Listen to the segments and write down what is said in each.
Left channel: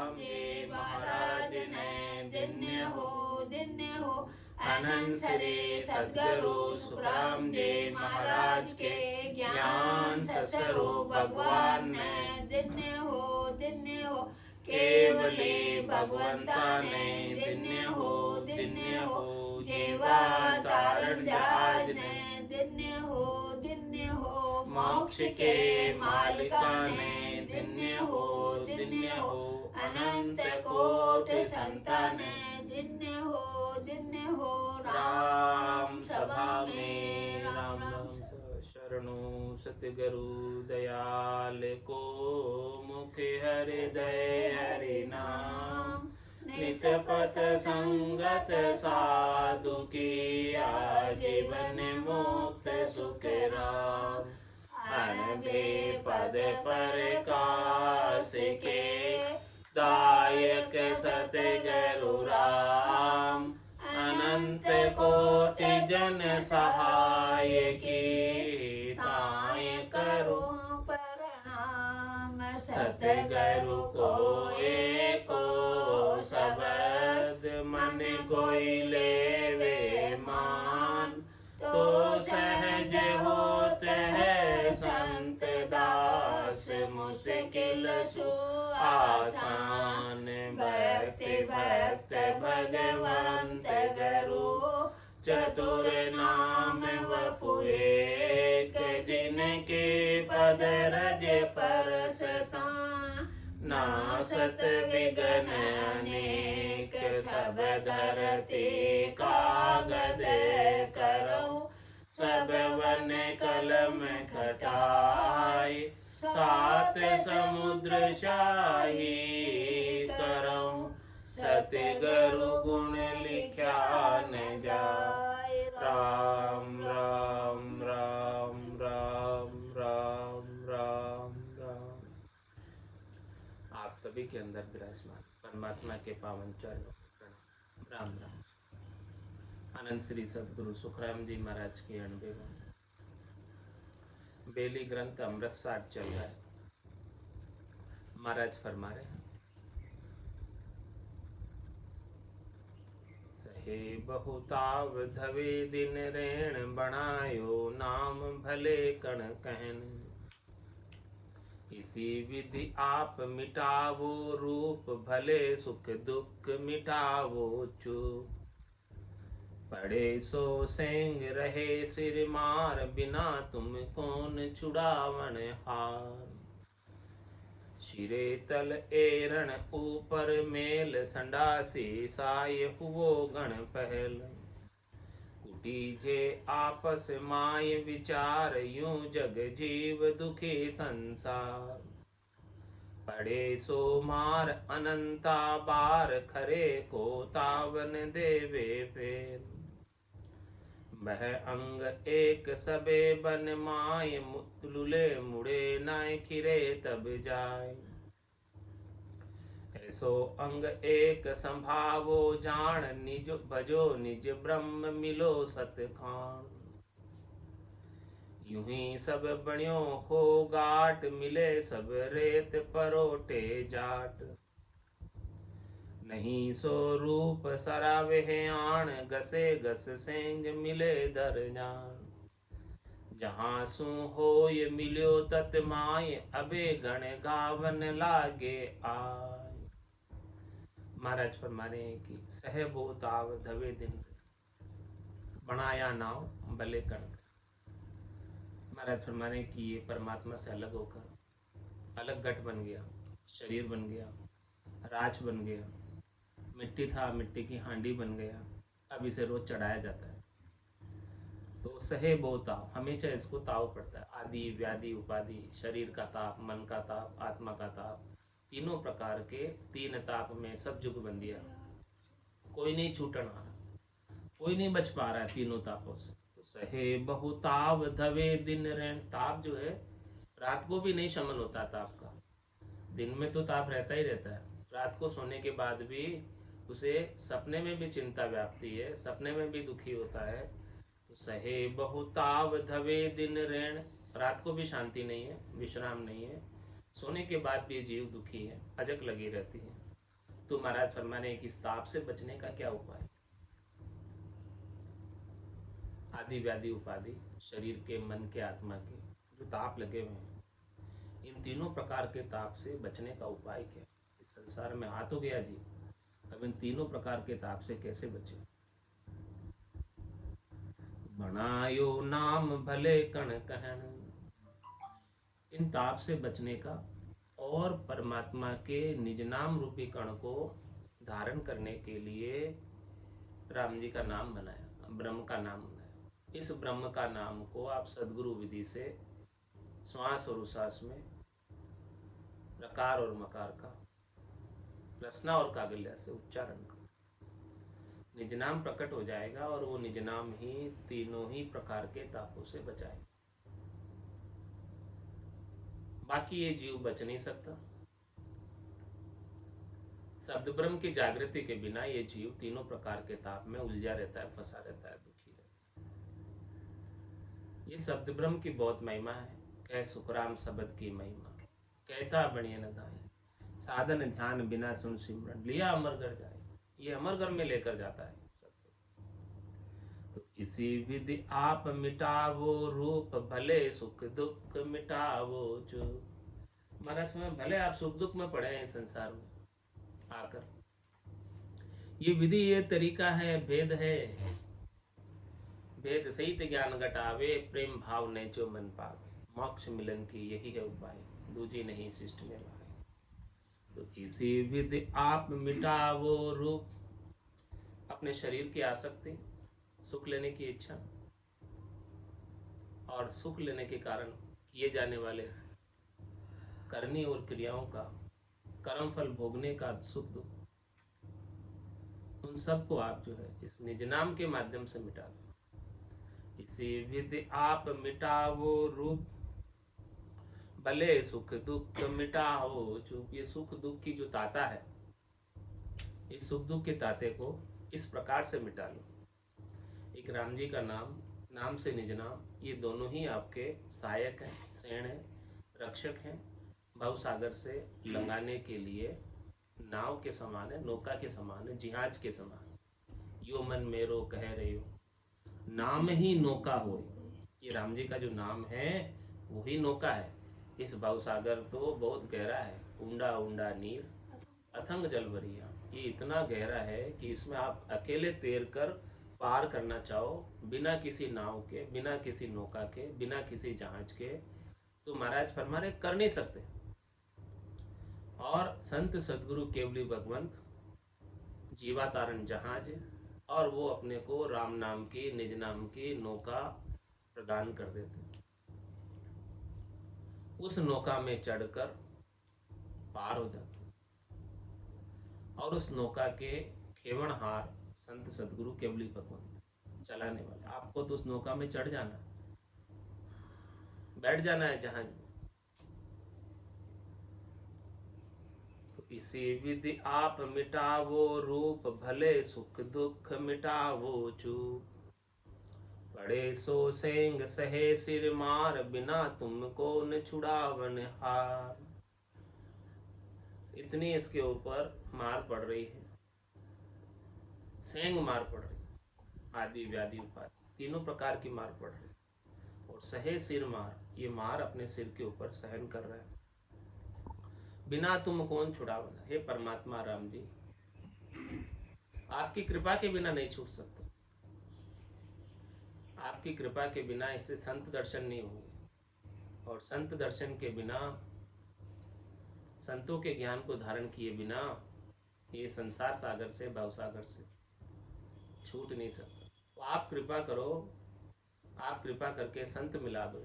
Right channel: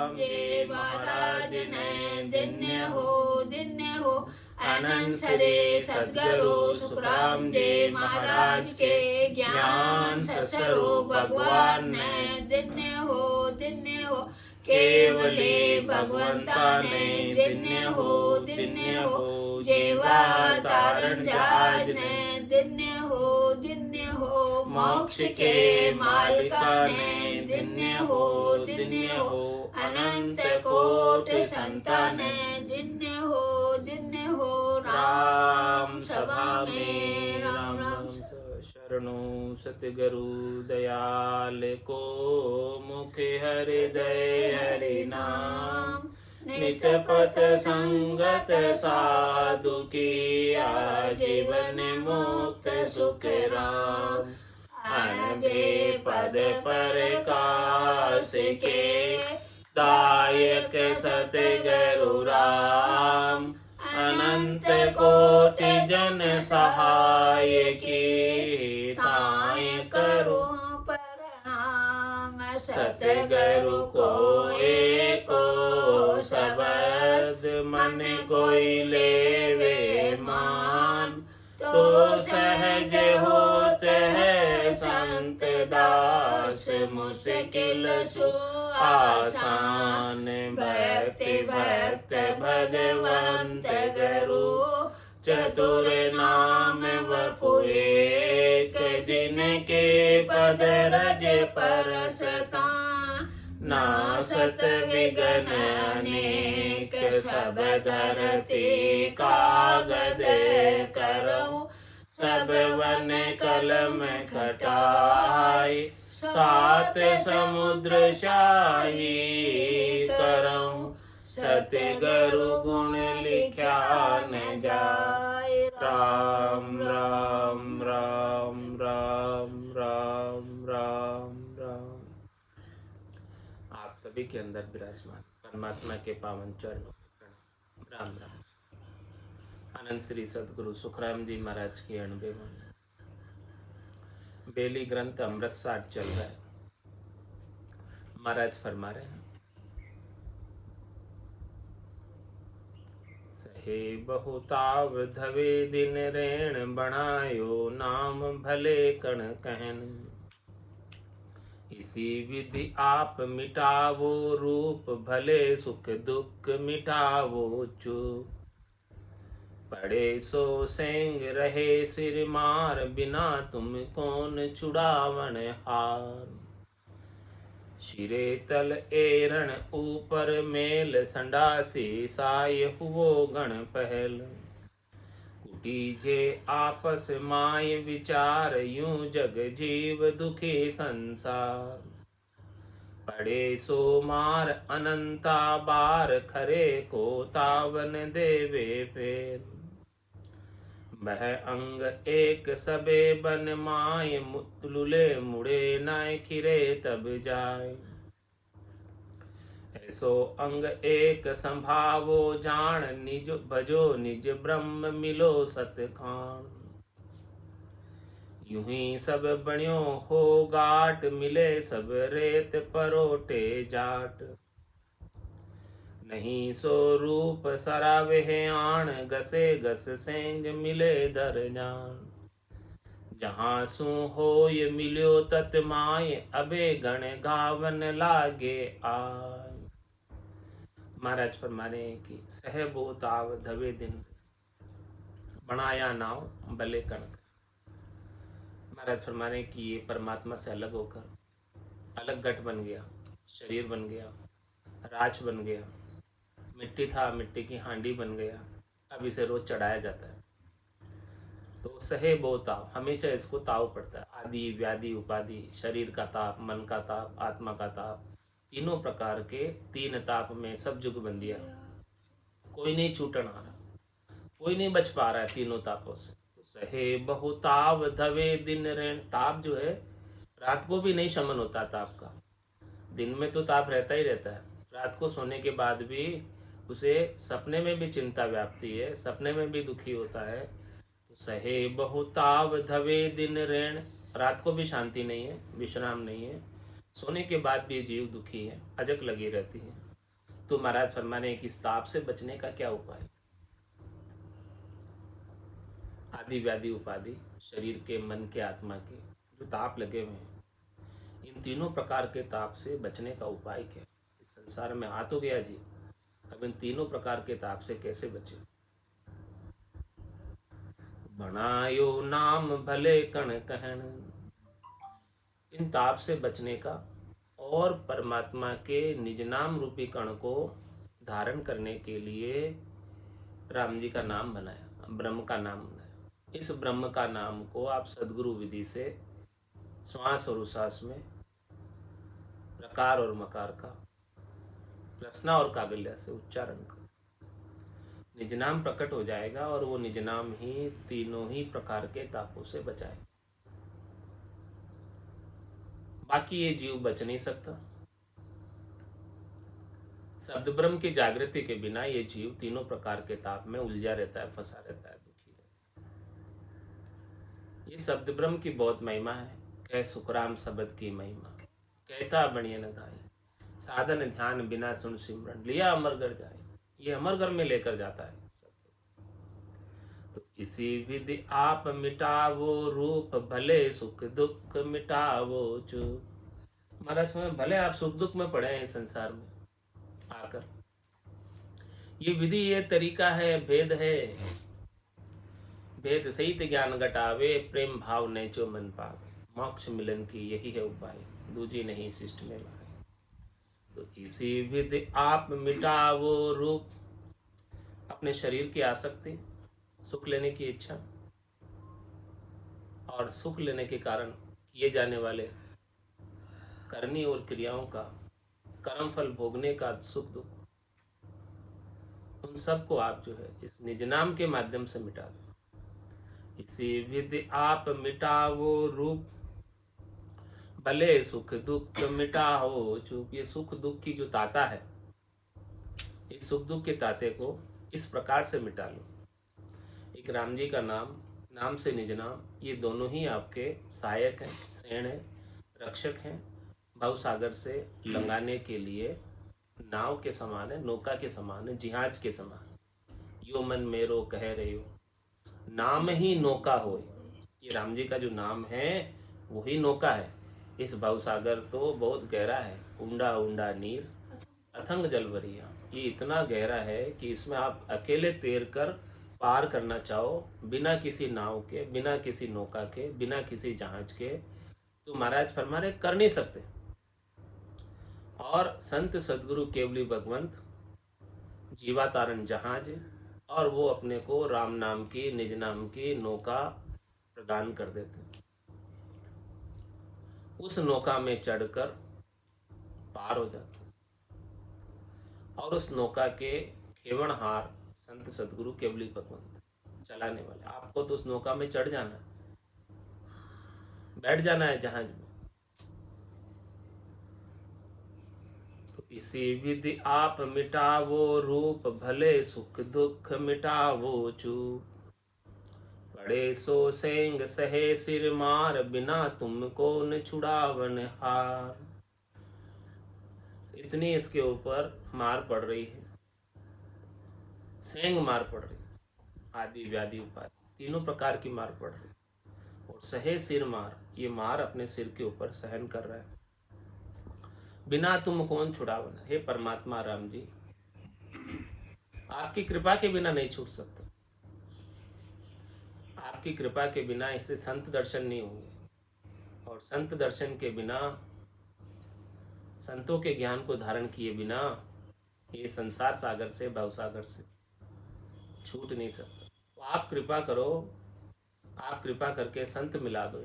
सुखराम जी महाराज ने दिन्य हो। अनंत श्री सद्गुरु सुखराम जी महाराज के ज्ञान स्वरूप भगवान ने दिन्य हो। केवली भगवंता ने दिन्य हो। जेवा तारण जहाज ने दिन्य हो। मोक्ष के मालिका ने दिन्य हो। अनंत कोटि संता ने दिन्य हो। राम सभा में राम शरणो सतगुरु दयाल को मुख हृदय हरि नाम। नित पथ संगत साधु की आजीवन मुक्त सुख राम। अनबे पद प्रकाश के दायक सतगुरु राम। अनंत कोटि जन सहाय की ताय करो प्रणाम। सतगुरु को एको शब्द मन कोई लेवे मान। तो सहज होत है संत दास मुश्किल सु आसान। भक्त भगवंत गुरु चतुर नाम वपु एक। जिनके पद रज परसता नासत विघ्न अनेक। सब धरती कागद करऊं सब वन कलम खटाई। सात समुद्र शाही करऊं सतगुरु गुण लिख्या न जाय। राम राम राम राम राम राम राम। आप सभी के अंदर विराजमान परमात्मा के पावन चरणों राम राम। अनंत श्री सद्गुरु सुखराम जी महाराज की 90 बेली ग्रंथ अमृतसार चल रहा है। महाराज फरमा रहे हैं, सहे बहुताव धवे दिन रेण बनायो। नाम भले कण कहन इसी विधि आप मिटावो। रूप भले सुख दुख मिटावो चूप। पड़े सो सेंग रहे सिर मार। बिना तुम कौन छुड़ावन हार। शिरे तल एरण ऊपर मेल। संडासी साय हुओ गण पहल। कुटी जे आपस माय विचार। यूं जग जीव दुखी संसार। पड़े सो मार अनंता बार। खरे को तावन देवे फेर। मह अंग एक सबे बन माय। मुतलुले मुड़े नाय खिरे तब जाय। ऐसो अंग एक संभावो जान। निज भजो निज ब्रह्म मिलो सतखान। यूं ही सब बण्यो हो गाट। मिले सब रेत परोटे जाट। नहीं सो रूप सरावे आण। गसे गस सेंग मिले दर जान। जहाँ सु होय मिल्यो तत माय। अबे गण गावन लागे आय। महाराज फरमाने कि सह बहुताव धवे दिन बनाया नाव भले कणक। महाराज फरमाने कि ये परमात्मा से अलग होकर अलग घट बन गया, शरीर बन गया, राज बन गया, मिट्टी था मिट्टी की हांडी बन गया। अब इसे रोज चढ़ाया जाता है। तो सहे बहु ताव, हमेशा इसको ताव पड़ता है। आदि व्याधि उपाधि, शरीर का ताप, मन का ताप, आत्मा का ताप, तीनों प्रकार के तीन ताप में सब जुग बंदिया। कोई नहीं छूटन आ रहा, कोई नहीं बच पा रहा है तीनों तापों से। तो सहे बहु ताव धवे दिन ऋण। ताप जो है रात को भी नहीं शमन होता ताप का। दिन में तो ताप रहता ही रहता है, रात को सोने के बाद भी उसे सपने में भी चिंता व्याप्ति है, सपने में भी दुखी होता है। तो सहे बहु ताव धवे दिन ऋण। रात को भी शांति नहीं है, विश्राम नहीं है, सोने के बाद भी जीव दुखी है, अजक लगी रहती है। तो महाराज फरमाने कि इस ताप से बचने का क्या उपाय? आदि व्याधि उपाधि, शरीर के, मन के, आत्मा के जो ताप लगे हुए हैं, इन तीनों प्रकार के ताप से बचने का उपाय क्या? इस संसार में आ तो गया जी, अब इन तीनों प्रकार के ताप से कैसे बचे? बनायो नाम भले कण कहन, इन ताप से बचने का और परमात्मा के निज नाम रूपी कण को धारण करने के लिए राम जी का नाम बनाया, ब्रह्म का नाम बनाया। इस ब्रह्म का नाम को आप सदगुरु विधि से श्वास और उश्वास में प्रकार और मकार का रचना और कागल्य से उच्चारण करो, निज नाम प्रकट हो जाएगा और वो निज नाम ही तीनों ही प्रकार के तापों से बचाए। बाकी ये जीव बच नहीं सकता। शब्द ब्रह्म की जागृति के बिना ये जीव तीनों प्रकार के ताप में उलझा रहता है, फंसा रहता है, दुखी रहता है। ये शब्द ब्रह्म की बहुत महिमा है। कह सुखराम शब्द की महिमा, कहता बणिए न गाय, साधन ध्यान बिना सुन सिमरन, लिया अमरगढ़ जाए। ये अमरगढ़ में लेकर जाता है। तो इसी विधि आप मिटावो रूप, भले सुख दुख मिटावो चूप। महाराज में भले आप सुख दुख में पड़े हैं संसार में आकर, ये विधि, ये तरीका है, भेद है। भेद सहित ज्ञान घटावे, प्रेम भाव नेचो मन पावे। मोक्ष मिलन की यही है उपाय, दूजी नहीं शिष्ट में भाई। तो इसी विधि आप मिटावो रूप, अपने शरीर की आसक्ति, सुख लेने की इच्छा और सुख लेने के कारण किए जाने वाले करनी और क्रियाओं का, कर्म फल भोगने का सुख दुख, उन सब को आप जो है इस निज नाम के माध्यम से मिटा दो। इसी विधि आप मिटावो रूप, भले सुख दुख मिटाओ चूप। ये सुख दुख की जो ताता है, इस सुख दुख के ताते को इस प्रकार से मिटा लो। एक राम जी का नाम, नाम से निज नाम, ये दोनों ही आपके सहायक हैं, सेण हैं, रक्षक हैं। भव सागर से लंघाने के लिए नाव के समान है, नौका के समान है, जिहाज के समान। यो मन मेरो कह रहे हो, नाम ही नौका हो। ये राम जी का जो नाम है वही नौका है। इस भव सागर तो बहुत गहरा है, ऊंडा ऊंडा नीर अथंग जल भरिया। ये इतना गहरा है कि इसमें आप अकेले तैर कर पार करना चाहो, बिना किसी नाव के, बिना किसी नौका के, बिना किसी जहाज के, तो महाराज फरमा रहे कर नहीं सकते। और संत सदगुरु केवली भगवंत जीवातारण जहाज, और वो अपने को राम नाम की, निज नाम की नौका प्रदान कर देते। उस नौका में चढ़कर पार हो जाते और उस नौका के खेवणहार संत सदगुरु केवली भगवंत चलाने वाले। आपको तो उस नौका में चढ़ जाना है, बैठ जाना है जहाज में। तो इसी विधि आप मिटावो रूप, भले सुख दुख मिटावो चूप। पड़े सो सेंग सहे सिर मार, बिना तुमको न छुड़ावन हार। इतनी इसके ऊपर मार पड़ रही है, सेंग मार पड़ रही, आदि व्याधि उपाधि, तीनों प्रकार की मार पड़ रही। और सहे सिर मार, ये मार अपने सिर के ऊपर सहन कर रहा है। बिना तुम कौन छुड़ावन, हे परमात्मा राम जी, आपकी कृपा के बिना नहीं छूट सकता। आपकी कृपा के बिना इससे संत दर्शन नहीं होंगे, और संत दर्शन के बिना, संतों के ज्ञान को धारण किए बिना ये संसार सागर से, भव सागर से छूट नहीं सकता। तो आप कृपा करो, आप कृपा करके संत मिला दो,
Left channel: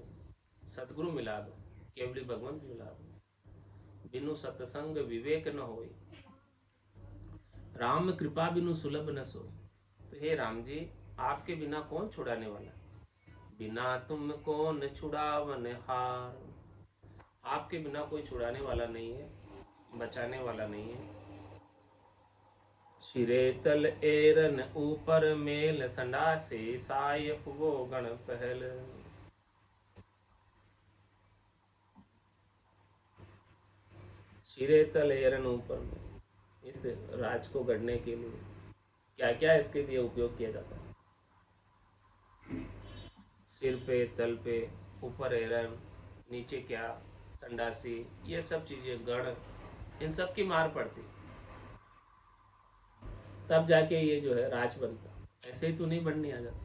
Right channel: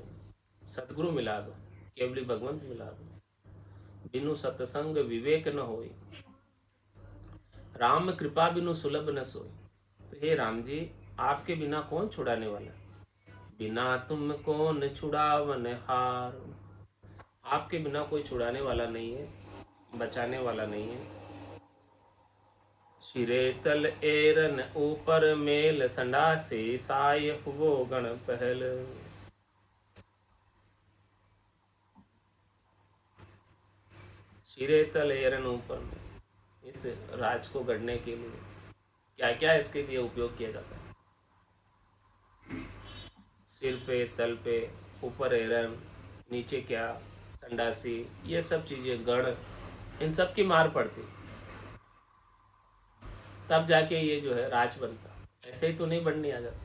सतगुरु मिला दो, केवली भगवंत मिला दो। बिनु सत्संग विवेक न होए, राम कृपा बिनु सुलभ न सोए। तो हे राम जी, आपके बिना कौन छुड़ाने वाला, बिना तुम कौन छुड़ावन हार। आपके बिना कोई छुड़ाने वाला नहीं है, बचाने वाला नहीं है। सिरे तल एरन ऊपर मेल, संडा से साय वो गण पहल। सिरे तल एरन ऊपर में, इस राज को गढ़ने के लिए क्या क्या इसके लिए उपयोग किया जाता है। सिर पे, तल पे, ऊपर एरन, नीचे क्या, संडासी, ये सब चीज़ें, गढ़, इन सब की मार पड़ती, तब जाके ये जो है राज बनता। ऐसे ही तो नहीं बनने आ जाता।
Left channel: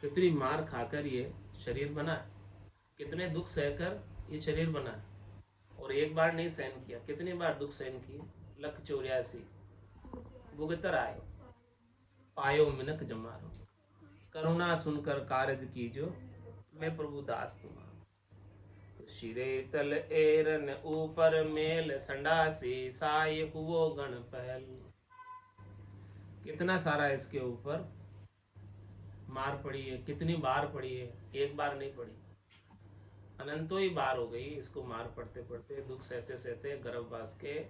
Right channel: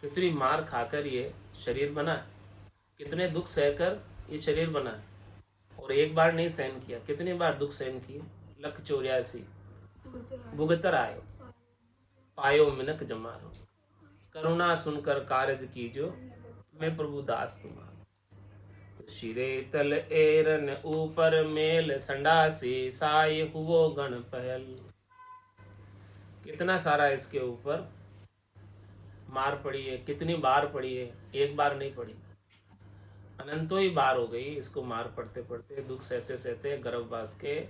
कितनी मार खाकर ये शरीर बना है, कितने दुख सहकर ये शरीर बना है, और एक बार नहीं सहन किया, कितनी बार दुख सहन किए। 1,84 भुगतर आयो, पायो मिनक जमारो, करुणा सुनकर कारज कीजो, मैं प्रभु दास तुम्हारा। शिरे तल एरन ऊपर मेल, संडासी साय हुओ गण पहल। कितना सारा इसके ऊपर मार पड़ी है, कितनी बार पड़ी है, एक बार नहीं पड़ी, अनंतों ही बार हो गई इसको मार पड़ते पड़ते, दुख सहते सहते, गर्भवास के,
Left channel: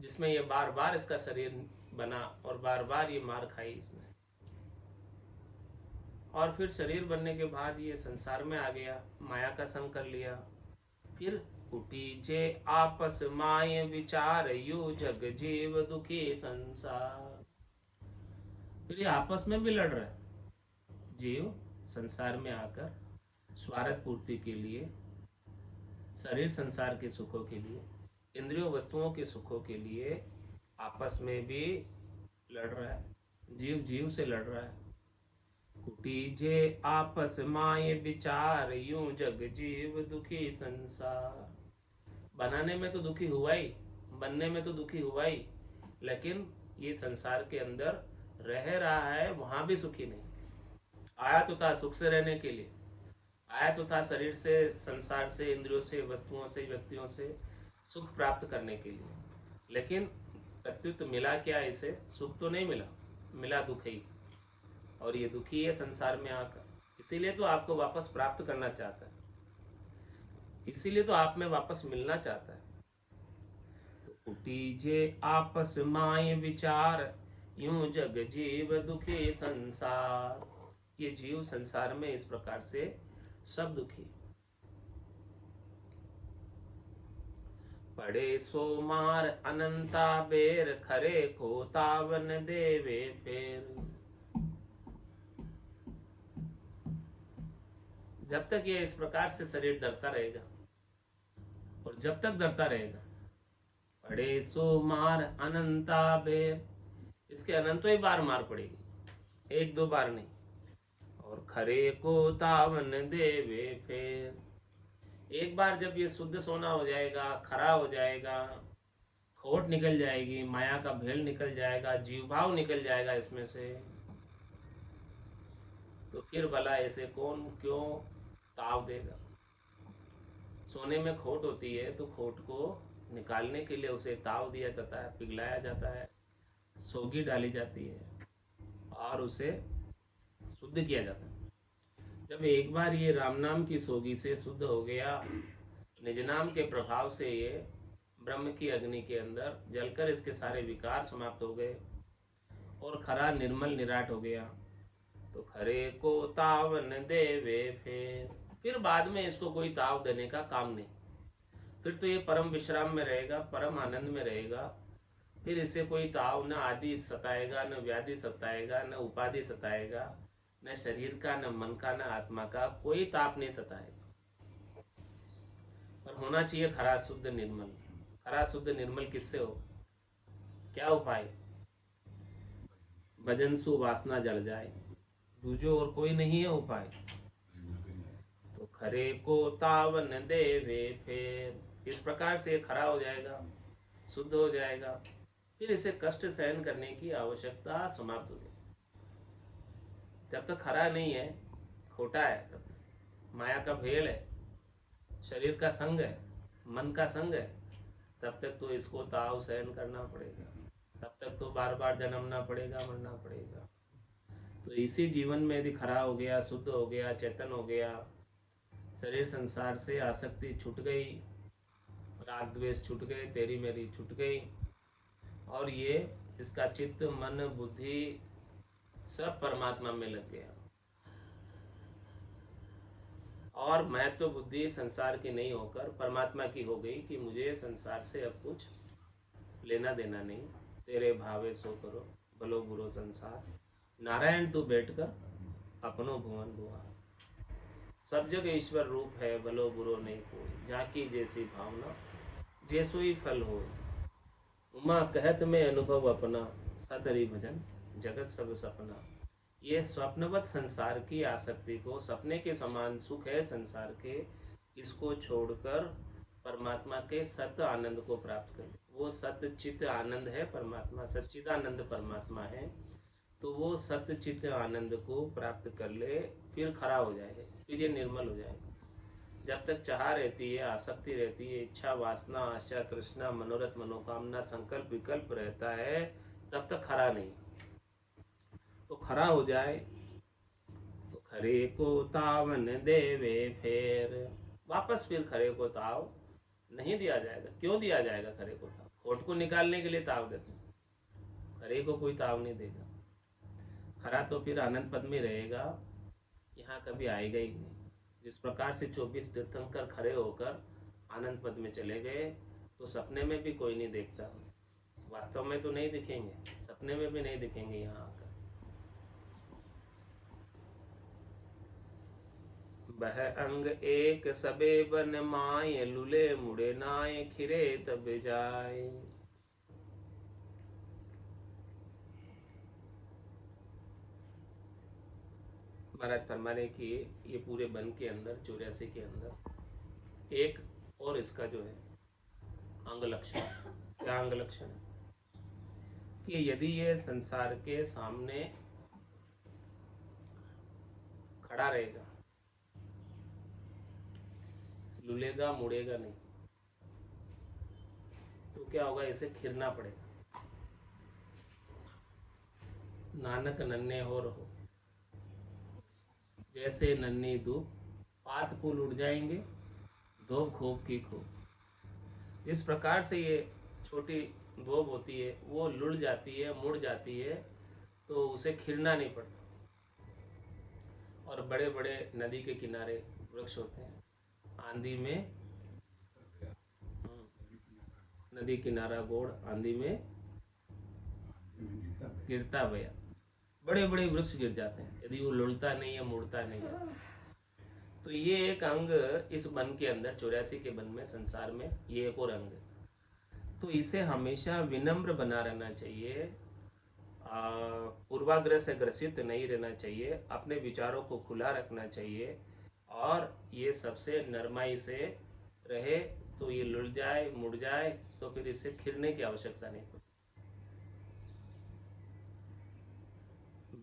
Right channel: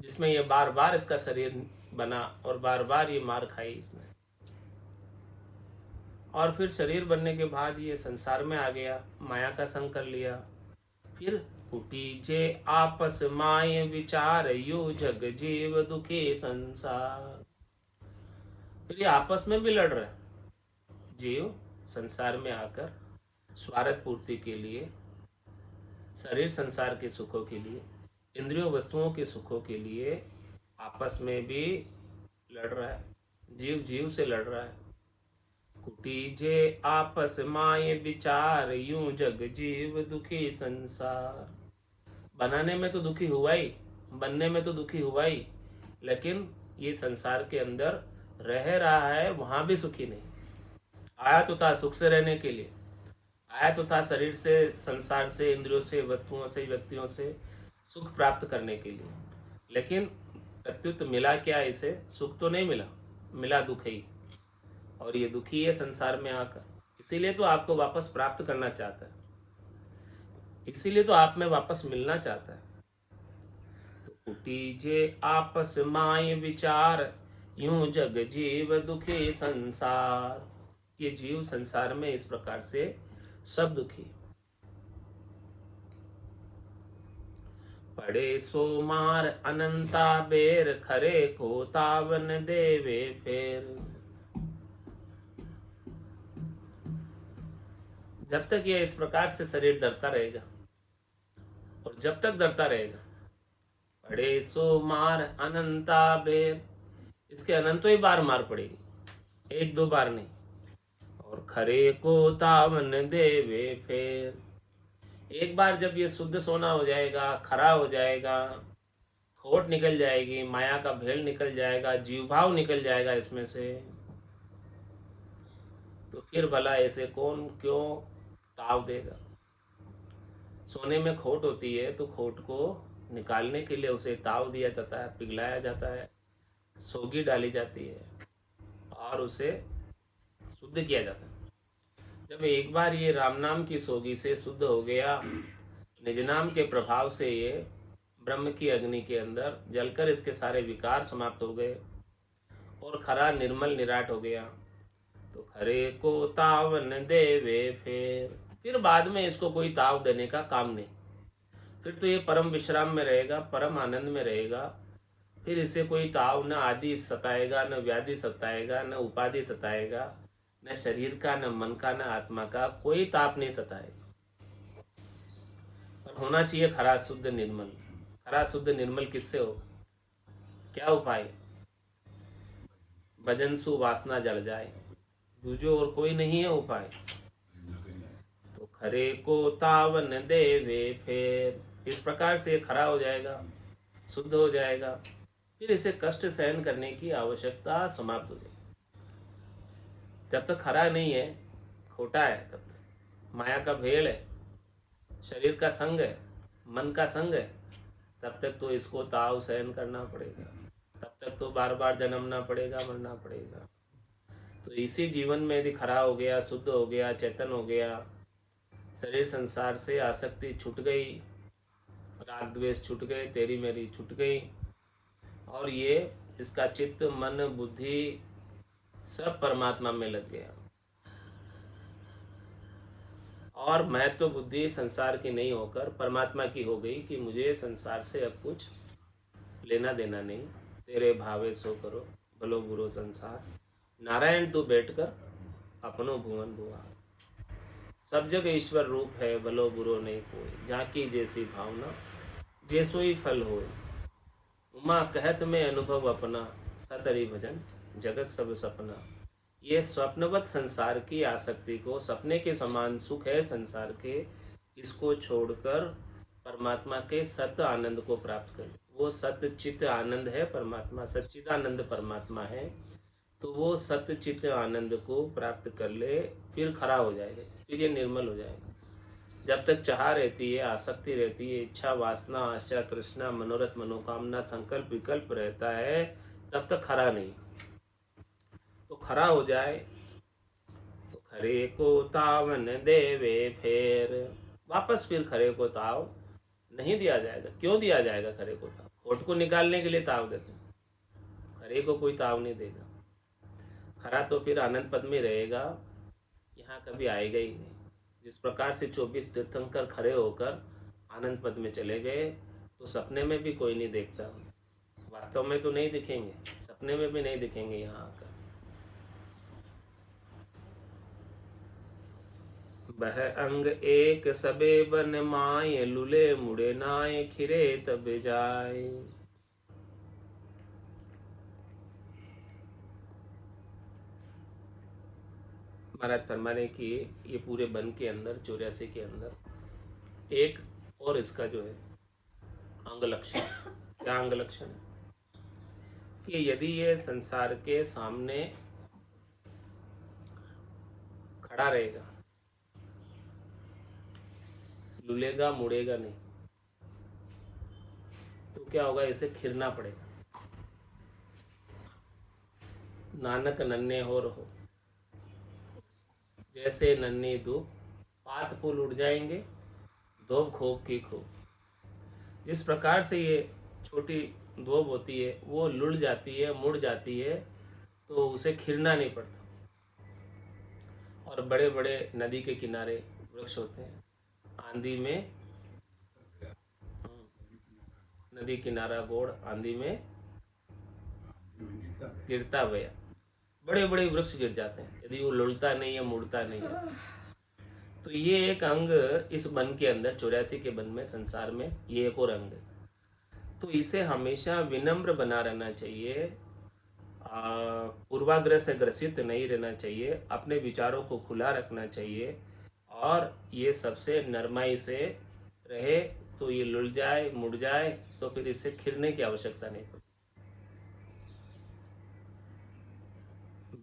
जिसमें ये बार बार इसका शरीर बना और बार बार ये मार खाई इसने। और फिर शरीर बनने के बाद ये संसार में आ गया, माया का संग कर लिया। फिर कुटीजे आपस माय विचार, यो जग जीव दुखे संसार। फिर ये आपस में भी लड़ रहे, जीव संसार में आकर स्वार्थ पूर्ति के लिए, शरीर संसार के सुखों के लिए, इंद्रियों वस्तुओं के सुखों के लिए आपस में भी लड़ रहा है, जीव जीव से लड़ रहा है। कुटीजे आपस माये विचार, यूं जग जीव दुखी संसार। बनाने में तो दुखी हुआ ही, बनने में तो दुखी हुआ ही, लेकिन ये संसार के अंदर रह रहा है, वहां भी सुखी नहीं। आया तो था सुख से रहने के लिए, आया तो था शरीर से, संसार से, इंद्रियों से, वस्तुओं से, व्यक्तियों से सुख प्राप्त करने के लिए, लेकिन प्रत्युत मिला क्या इसे? सुख तो नहीं मिला, मिला दुख ही, और ये दुखी है संसार में आकर। इसीलिए तो आपको वापस प्राप्त करना चाहता है, इसीलिए तो आप में वापस मिलना चाहता है। तो उटीजे आपस माय विचार, यूं जग जीव दुखी संसार। ये जीव संसार में इस प्रकार से सब दुखी। पड़े सो मार अनंता बेर, खरे को तावन देवे फेर। जब तक यह इस प्रकार से शरीर डरता रहेगा, और जब तक डरता रहेगा, पड़े सो मार अनंता बेर, इसके अनंतों ही बार मार पड़ेगी, एक दो बार नहीं। और खरे को तावन देवे फेर, एक बार जब ये शुद्ध सोना हो जाएगा, खरा हो जाएगा, खोट निकल जाएगी, माया का भेल निकल जाएगा, जीव भाव निकल जाएगा इसमें से, तो फिर भला ऐसे कौन क्यों ताव देगा। सोने में खोट होती है तो खोट को निकालने के लिए उसे ताव दिया जाता है, पिघलाया जाता है, सोगी डाली जाती है और उसे शुद्ध किया जाता है। जब एक बार ये राम नाम की सोगी से शुद्ध हो गया, निज नाम के प्रभाव से ये ब्रह्म की अग्नि के अंदर जलकर इसके सारे विकार समाप्त हो गए और खरा निर्मल निराट हो गया, तो खरे को तावन देवे फिर बाद में इसको कोई ताव देने का काम नहीं। फिर तो ये परम विश्राम में रहेगा, परम आनंद में रहेगा। फिर इसे कोई ताव न आदि सताएगा, न व्याधि सताएगा, न उपाधि सताएगा, न शरीर का, न मन का, न आत्मा का कोई ताप नहीं सताएगा। और होना चाहिए खरा शुद्ध निर्मल। खरा शुद्ध निर्मल किससे हो? क्या उपाय? भजन सु वासना जल जाए, दूजो और कोई नहीं है उपाय। तो खरे को तावन देवे फिर, इस प्रकार से खरा हो जाएगा, शुद्ध हो जाएगा, फिर इसे कष्ट सहन करने की आवश्यकता समाप्त हो जाएगी। जब तक खरा नहीं है, खोटा है, तब तक माया का भेल है, शरीर का संग है, मन का संग है, तब तक तो इसको ताव सहन करना पड़ेगा, तब तक तो बार बार जन्मना पड़ेगा, मरना पड़ेगा। तो इसी जीवन में यदि खरा हो गया, शुद्ध हो गया, चेतन हो गया, शरीर संसार से आसक्ति छूट गई, राग द्वेष छूट गए, तेरी मेरी छूट गई, और ये इसका चित्त मन बुद्धि सब परमात्मा में लग गया, और महत्व बुद्धि संसार की नहीं होकर परमात्मा की हो गई कि मुझे संसार से अब कुछ लेना देना नहीं, तेरे भावे सो करो, भलो बुरो संसार, नारायण तू बैठकर अपनो भुवन भुआ। सब जग ईश्वर रूप है, भलो बुरो नहीं कोई, झांकी जैसी भावना, जैसो ही फल हो। उमा कहत में अनुभव अपना, सतरी भजन जगत सब सपना। ये स्वप्नवत संसार की आसक्ति को, सपने के समान सुख है संसार के, इसको छोड़कर परमात्मा के सत्य आनंद को प्राप्त कर। वो सत्य चित्त आनंद है परमात्मा, सच्चिदानंद परमात्मा है। तो वो सत्य चित्त आनंद को प्राप्त कर ले, फिर खड़ा हो जाएगा, फिर ये निर्मल हो जाएगा। जब तक चाह रहती है, आसक्ति रहती है, इच्छा वासना आशा तृष्णा मनोरथ मनोकामना संकल्प विकल्प रहता है, तब तक खरा नहीं। तो खरा हो जाए तो खरे को तावन देवे, फिर वापस फिर खरे को ताव नहीं दिया जाएगा। क्यों दिया जाएगा खरे को ताव? खोट को निकालने के लिए ताव देते हैं, खरे को कोई ताव नहीं देगा। खरा तो फिर आनंद पद में रहेगा, यहाँ कभी आएगा ही नहीं। जिस प्रकार से 24 तीर्थंकर खड़े होकर आनंद पद में चले गए, तो सपने में भी कोई नहीं देखता, वास्तव में तो नहीं दिखेंगे, सपने में भी नहीं दिखेंगे यहाँ आकर। बह अंग एक सबे बन माय, लुले मुड़े नाय, खिरे तब जाए। महाराज फरमा रहे कि ये पूरे वन के अंदर 84 के अंदर एक और इसका जो है अंग लक्षण, क्या अंग लक्षण है कि यदि ये संसार के सामने खड़ा रहेगा, लुलेगा मुड़ेगा नहीं, तो क्या होगा, इसे खिरना पड़ेगा। नानक नन्हे हो रहो, जैसे नन्ही धूप, पात फूल उड़ जाएंगे, धोब खोप की खोप। जिस प्रकार से ये छोटी धोब होती है, वो लुढ़ जाती है, मुड़ जाती है, तो उसे खिरना नहीं पड़ता। और बड़े बड़े नदी के किनारे वृक्ष होते हैं, आंधी में नदी किनारा गोड़, आंधी में गिरता गया, बड़े बड़े वृक्ष गिर जाते हैं यदि वो लुढ़ता नहीं है, मुड़ता नहीं है। तो ये एक अंग इस वन के अंदर, 84 के वन में, संसार में ये एक और अंग है। तो इसे हमेशा विनम्र बना रहना चाहिए, पूर्वाग्रह से ग्रसित नहीं रहना चाहिए, अपने विचारों को खुला रखना चाहिए, और ये सबसे नरमाई से रहे। तो ये लुढ़ जाए मुड़ जाए तो फिर इसे खिरने की आवश्यकता नहीं पड़ती।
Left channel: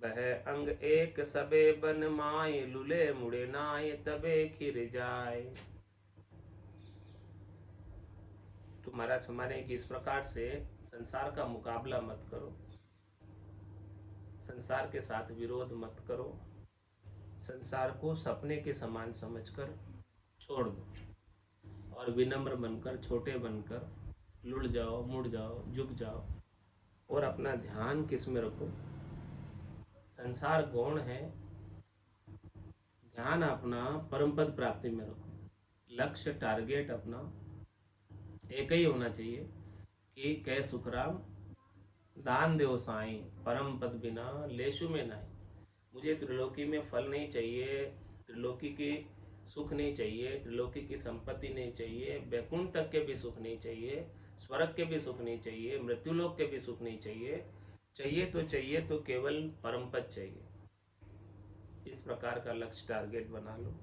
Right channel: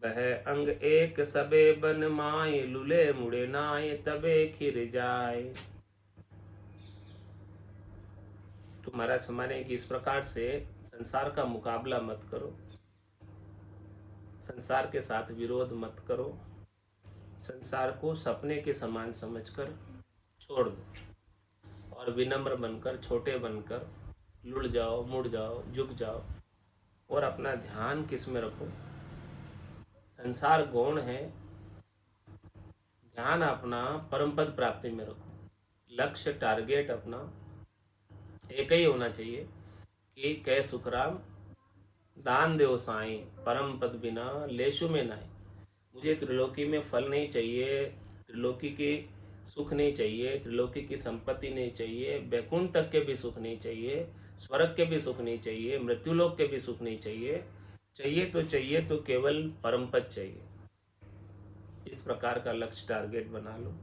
बह अंग एक सबे बन माय, लुले मुड़े नाय, तबे खिर जाए। तो महाराज हमारे कि इस प्रकार से संसार का मुकाबला मत करो, संसार के साथ विरोध मत करो, संसार को सपने के समान समझकर छोड़ दो, और विनम्र बनकर, छोटे बनकर लुढ़ जाओ, मुड़ जाओ, झुक जाओ, और अपना ध्यान किस में रखो, संसार गौण है, ध्यान अपना परम पद प्राप्ति में रखो। लक्ष्य टारगेट अपना एक ही होना चाहिए कि कै सुखराम दान देव साई, परम पद बिना लेशु में नाई। मुझे त्रिलोकी में फल नहीं चाहिए, त्रिलोकी की सुख नहीं चाहिए, त्रिलोकी की संपत्ति नहीं चाहिए, वैकुंठ तक के भी सुख नहीं चाहिए, स्वर्ग के भी सुख नहीं चाहिए, मृत्युलोक के भी सुख नहीं चाहिए। चाहिए तो केवल परम पद चाहिए। इस प्रकार का लक्ष्य टारगेट बना लो।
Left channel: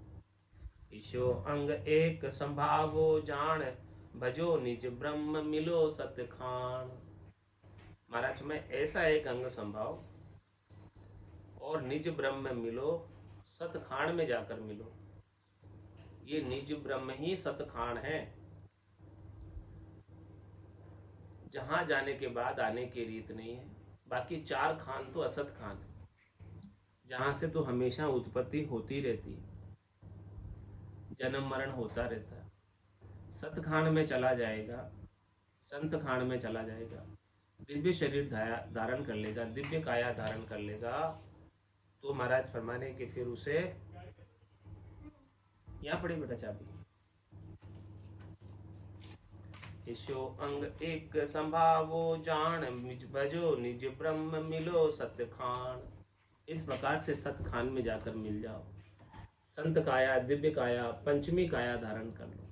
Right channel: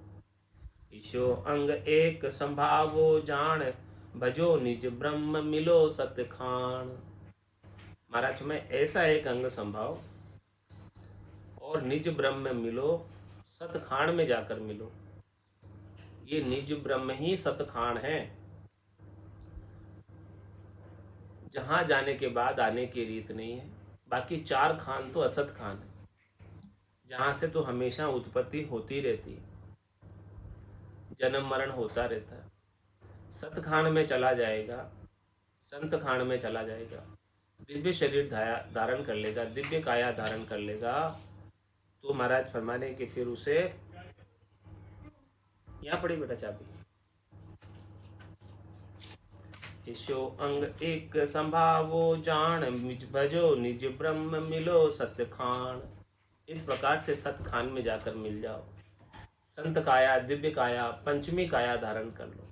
ईशो अंग एक संभावो जान, भजो निज ब्रह्म मिलो सत्य खान। महाराज में ऐसा एक अंग संभाव और निज ब्रह्म मिलो, सतखान में जाकर मिलो। ये निज ब्रह्म ही सतखान है, जहां जाने के बाद आने की रीत नहीं है। बाकी 4 खान तो असत खान है, जहां से तो हमेशा उत्पत्ति होती रहती है, जन्म मरण होता रहता है। सत खान में चला जाएगा, संत खान में चला जाएगा, दिव्य शरीर धारण कर लेगा, दिव्य काया धारण कर लेगा, तो महाराज फरमाने कि फिर उसे, यहाँ पड़ी बेटा चाबी, ईशो अंग एक संभावो जान, निज भजो निज ब्रह्म मिलो सत्य खान। इस प्रकार से सत खान में जाकर मिल जाओ। संत काया, दिव्य काया, पंचमी काया धारण कर लो।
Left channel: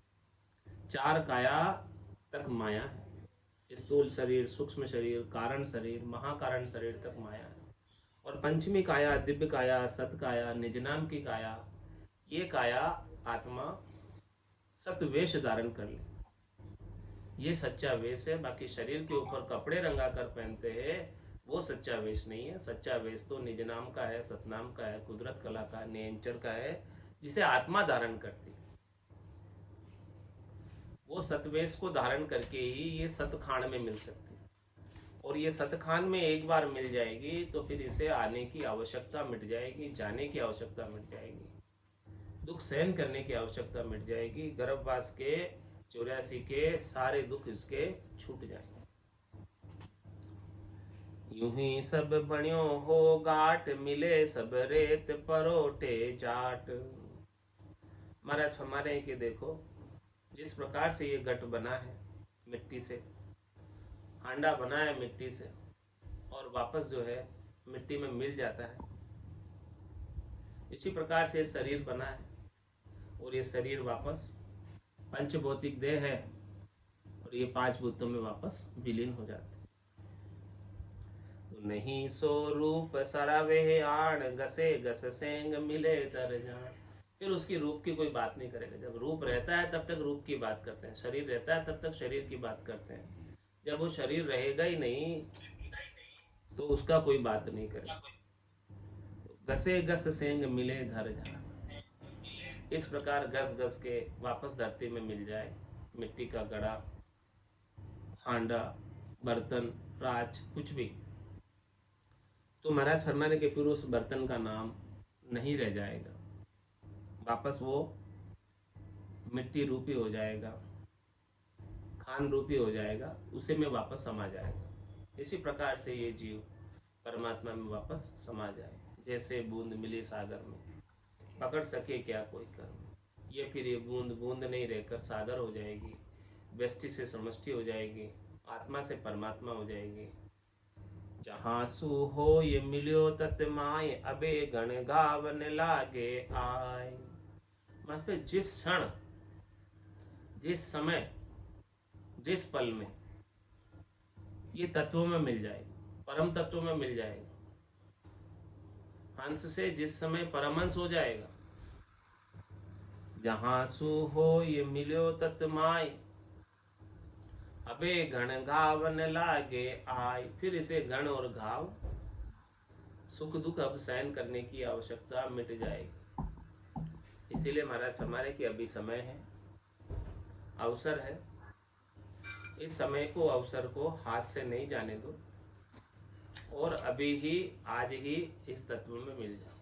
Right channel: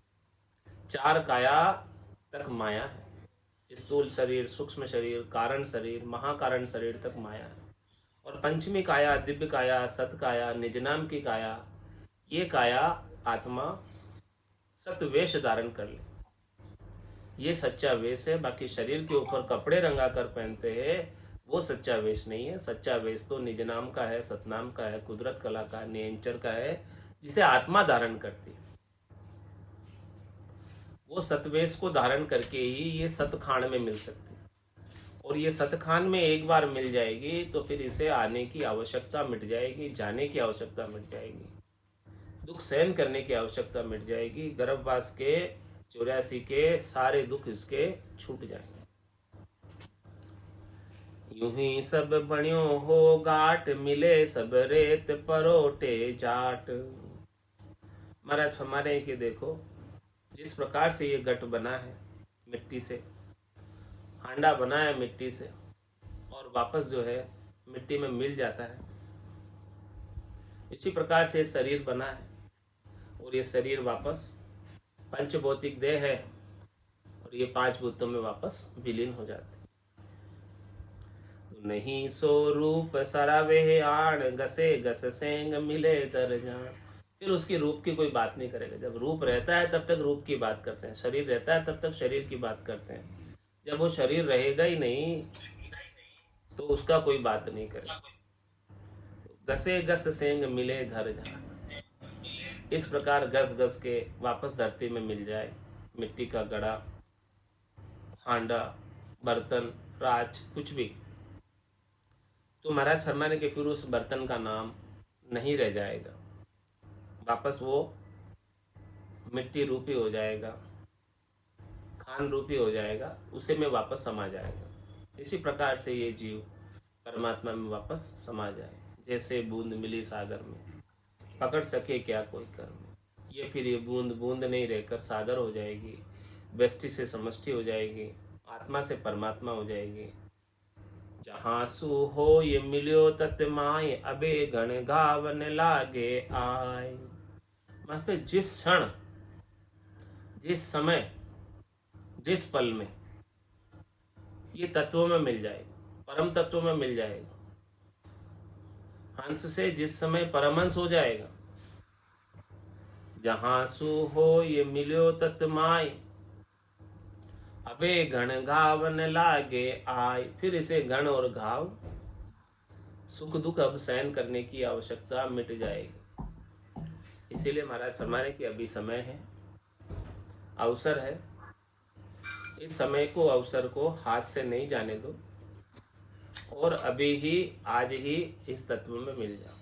चार काया तक माया है। स्थूल शरीर, सूक्ष्म शरीर, कारण शरीर, महाकारण शरीर तक माया है। और पंचमी काया, दिव्य काया, सत काया, निज नाम की काया, ये काया आत्मा सत वेश धारण कर ले। ये सच्चा वेश है। बाकी शरीर के ऊपर कपड़े रंगा कर पहनते हैं, वो सच्चा वेश नहीं है। सच्चा वेश तो निज नाम का है, सतनाम का है, कुदरत कला का, नियंचर का है, जिसे आत्मा धारण करती है। वो सतवेश को धारण करके ही ये सतखान में मिल सकती है। और ये सतखान में एक बार मिल जाएगी तो फिर इसे आने की आवश्यकता मिट जाएगी, जाने की आवश्यकता मिट जाएगी, दुख सहन करने की आवश्यकता मिट जाएगी। गर्भवास के 84 के सारे दुख इसके छूट जाएंगे। यूं ही सब बण्यो हो गाट, मिले सब रेत परोटे जाट। महाराज हमारे कि देखो, जिस प्रकार से ये गट बना है मिट्टी से, हांडा बना है मिट्टी से, और वापस जो है मिट्टी में मिल जाता है, इसी प्रकार से शरीर बना है। और ये शरीर वापस पंचभौतिक देह है, और ये 5 भूतों में वापस विलीन हो जाते हैं। तो नहीं सो रूप सरावे आण, गसे गस सेंग मिले दर जान। फिर उसकी रूप की कोई बात नहीं करेगा। जब रूप रहता है तब तक रूप की बात करते हैं, शरीर रहता है तब तक शरीर की बात करते हैं। जब वो शरीर रहेगा ही नहीं तो उसका कोई बात नहीं करेगा। गसे गस सेंग मिले धर जान। इस प्रकार घस घस के वापस धरती में मिल जाए मिट्टी का घड़ा, हांडा, बर्तन, राज, कुछ भी, तो महाराज फरमाने के फिर उस बर्तन का नाम नहीं रह जाएगा। वापस वो मिट्टी रूपी हो जाएगा, खान रूपी हो जाएगा, उसे में वापस समा जाएगा। इसी प्रकार से ये जीव परमात्मा में वापस समा जाए। जैसे बूंद मिली सागर में, पकड़ सके क्या कोई कर्म। ये फिर ये बूंद बूंद नहीं रहकर सागर हो जाएगी, व्यष्टि से समष्टि हो जाएगी, आत्मा से परमात्मा हो जाएगी। जहाँ सु हो ये मिलियो तत् माय, अबे गण गावन लागे आय। मतलब जिस क्षण, जिस समय, जिस पल में ये तत्वों में मिल जाएगा, परम तत्वों में मिल जाएगा। हंस से जिस समय परमहंस हो जाएगा, जहाँ सु हो ये मिलियो तत् माय, अबे गण घावन लागे आय। फिर इसे गण और घाव, सुख दुख अब सहन करने की आवश्यकता मिट जाएगी। इसीलिए महाराज फरमाने की अभी समय है, अवसर है। इस समय को, अवसर को हाथ से नहीं जाने दो, और अभी ही, आज ही इस तत्व में मिल जाओ।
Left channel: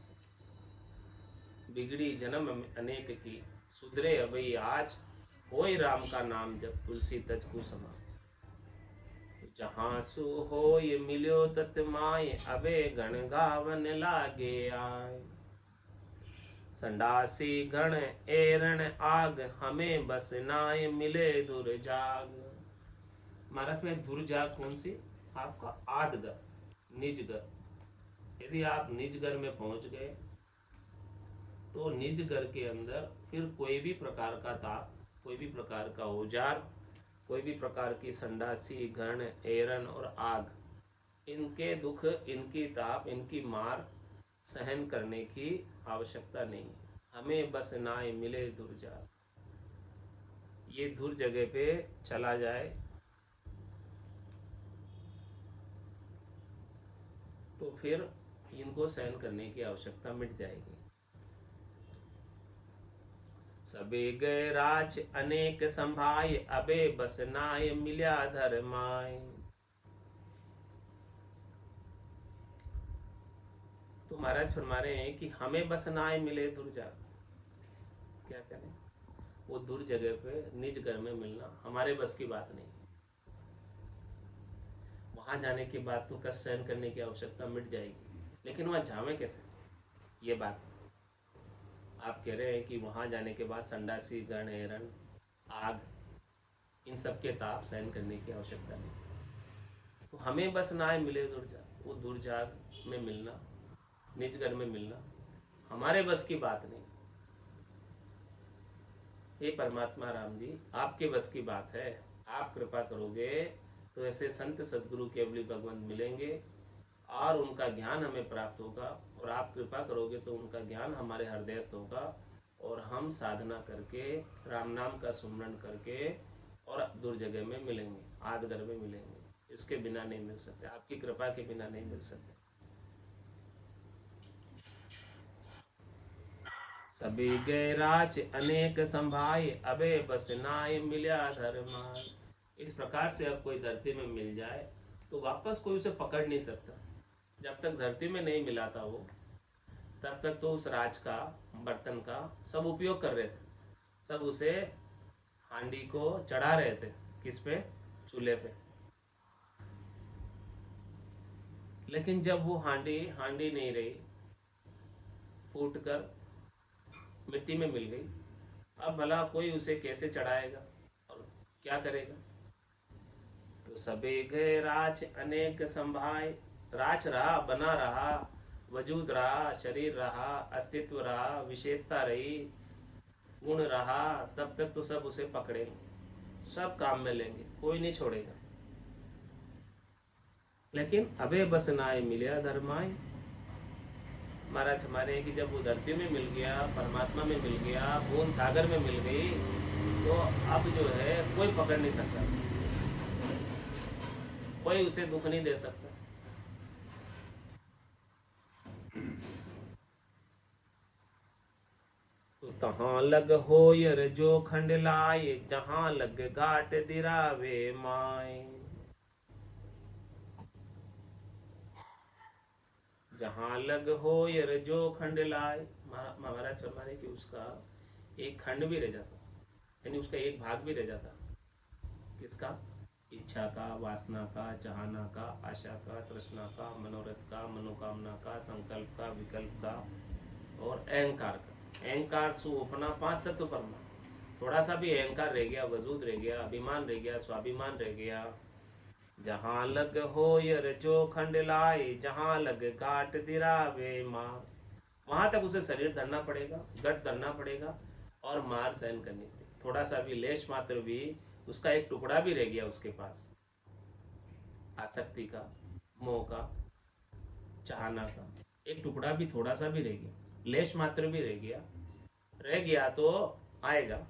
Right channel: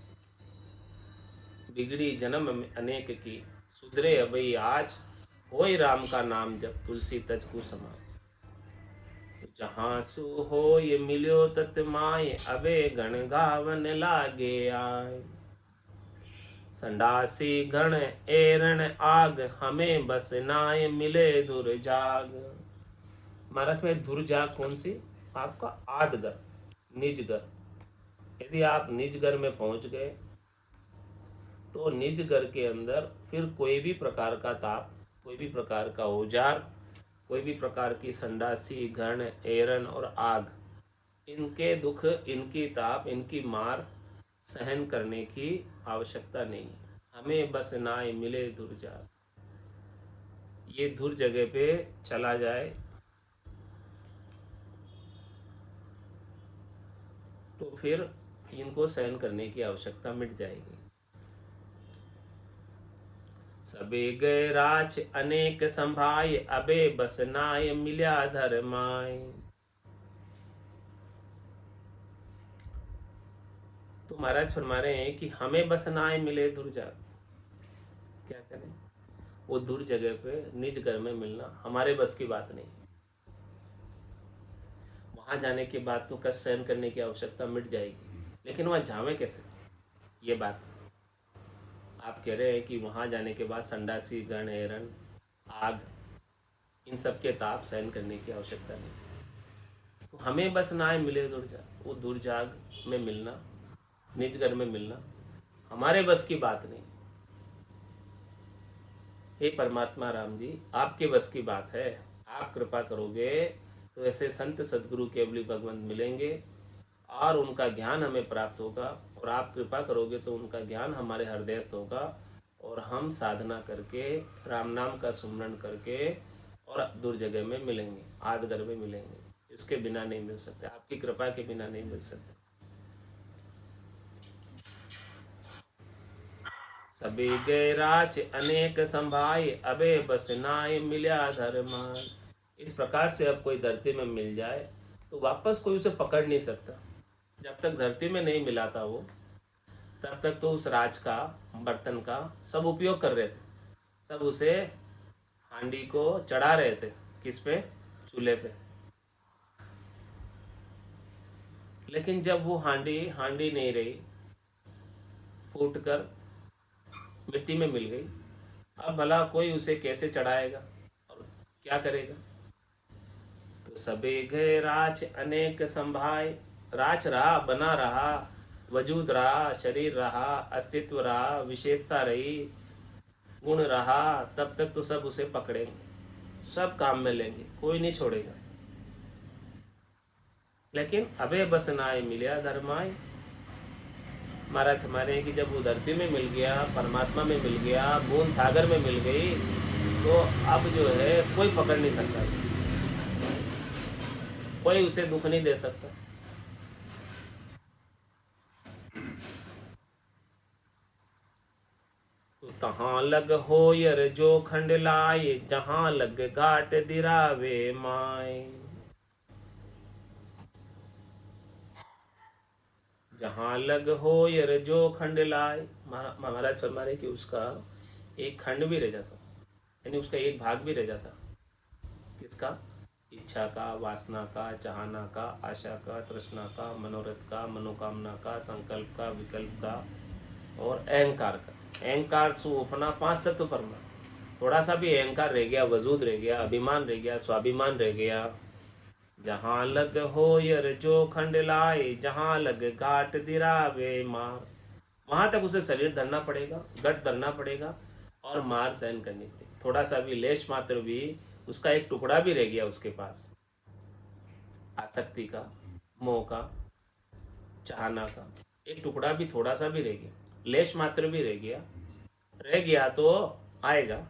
बिगड़ी जन्म में अनेक की, सुधरे अभी आज, होय राम का नाम जब तुलसी तज को समाज। जहाँ सु हो ये मिलियो तत् माय, अबे गण गावन लागे आय। संडासी गण एरण आग, हमें बस नाय मिले दुर्जाग। महाराज में दुर्जाग कौन सी? आपका आदगर, निज घर। यदि आप निज घर में पहुंच गए तो निज घर के अंदर फिर कोई भी प्रकार का ताप, कोई भी प्रकार का औजार, कोई भी प्रकार की संडासी, घण, एरन और आग, इनके दुख, इनकी ताप, इनकी मार सहन करने की आवश्यकता नहीं। हमें बस नाय मिले दुर्जाग। ये दूर जगह पे चला जाए तो फिर इनको सहन करने की आवश्यकता मिट जाएगी। सबे गए राज अनेक संभाय, अबे बस नाय मिल्या धर्माय। तो महाराज फरमा रहे हैं कि हमें बस नाय मिले दुर्जाग। क्या करें? वो दूर जगह पे निज घर में मिलना हमारे बस की बात नहीं। वहां जाने के बाद तो कष्ट सहन करने की आवश्यकता मिट जाएगी, लेकिन वहां जावे कैसे? ये बात आप कह रहे हैं कि वहां जाने के बाद संडासी, गण, एरन, आग, इन सब के ताप सहन करने की आवश्यकता नहीं। तो हमें बस ना मिले दुर्जाग, वो दुर्जाग में मिलना, निज घर में मिलना हमारे बस की बात नहीं। हे परमात्मा राम जी, आपके बस की बात है। आप कृपा करोगे तो ऐसे संत सदगुरु केवली भगवंत मिलेंगे और उनका ज्ञान हमें प्राप्त होगा, और आप कृपा करोगे तो उनका ज्ञान हमारे हृदयस्थ होगा, और हम साधना करके राम नाम का सुमरण करके और दूर जगह में मिलेंगे, आदगर में मिलेंगे। इसके बिना नहीं मिल सकते, आपकी कृपा के बिना नहीं मिल सकते। सभी गैराज अनेक संभाए, अबे बस नाय मिल्या धर्मान। इस प्रकार से अब कोई धरती में मिल जाए तो वापस कोई उसे पकड़ नहीं सकता। जब तक धरती में नहीं मिला था वो, तब तक तो उस राज का, बर्तन का सब उपयोग कर रहे थे, सब उसे हांडी को चढ़ा रहे थे। किस पे? चूल्हे पे। लेकिन जब वो हांडी नहीं रही, फूट कर मिट्टी में मिल गई, अब भला कोई उसे कैसे चढ़ाएगा और क्या करेगा? तो सबे गए राज अनेक संभाय। राज रहा, बना रहा, वजूद रहा, शरीर रहा, अस्तित्व रहा, विशेषता रही, गुण रहा, तब तक तो सब उसे पकड़ेंगे, सब काम में लेंगे, कोई नहीं छोड़ेगा। लेकिन अबे बस नाय मिलिया धर्माय। महाराज हमारे कि जब वो धरती में मिल गया, परमात्मा में मिल गया, बूंद सागर में मिल गई, तो अब जो है कोई पकड़ नहीं सकता उसे, कोई उसे दुख नहीं दे सकता। तो तहाँ लग होयर जो खंड लाए, जहाँ लग घाट दिरावे माए। जहाँ लग होयर जो खंड लाए, महाराज फरमा रहे कि उसका एक खंड भी रह जाता, यानी उसका एक भाग भी रह जाता। किसका? इच्छा का, वासना का, चाहना का, आशा का, तृष्णा का, मनोरथ का, मनोकामना का, संकल्प का, विकल्प का और अहंकार का। अहंकार सु अपना 5 तत्व परमा, थोड़ा सा भी अहंकार रह गया, वजूद रह गया, अभिमान रह गया, स्वाभिमान रह गया। जहाँ लग हो यर जो खंड लाए, जहाँ लग घाट दिरावे मार। वहां तक उसे शरीर धरना पड़ेगा, गट धरना पड़ेगा और मार सहन करनी पड़ेगी। थोड़ा सा भी, लेश मात्र भी, उसका एक टुकड़ा भी रह गया उसके पास, आसक्ति का, मोह का, चाहना का, एक टुकड़ा भी, थोड़ा सा भी रह गया, लेश मात्र भी रह गया तो आएगा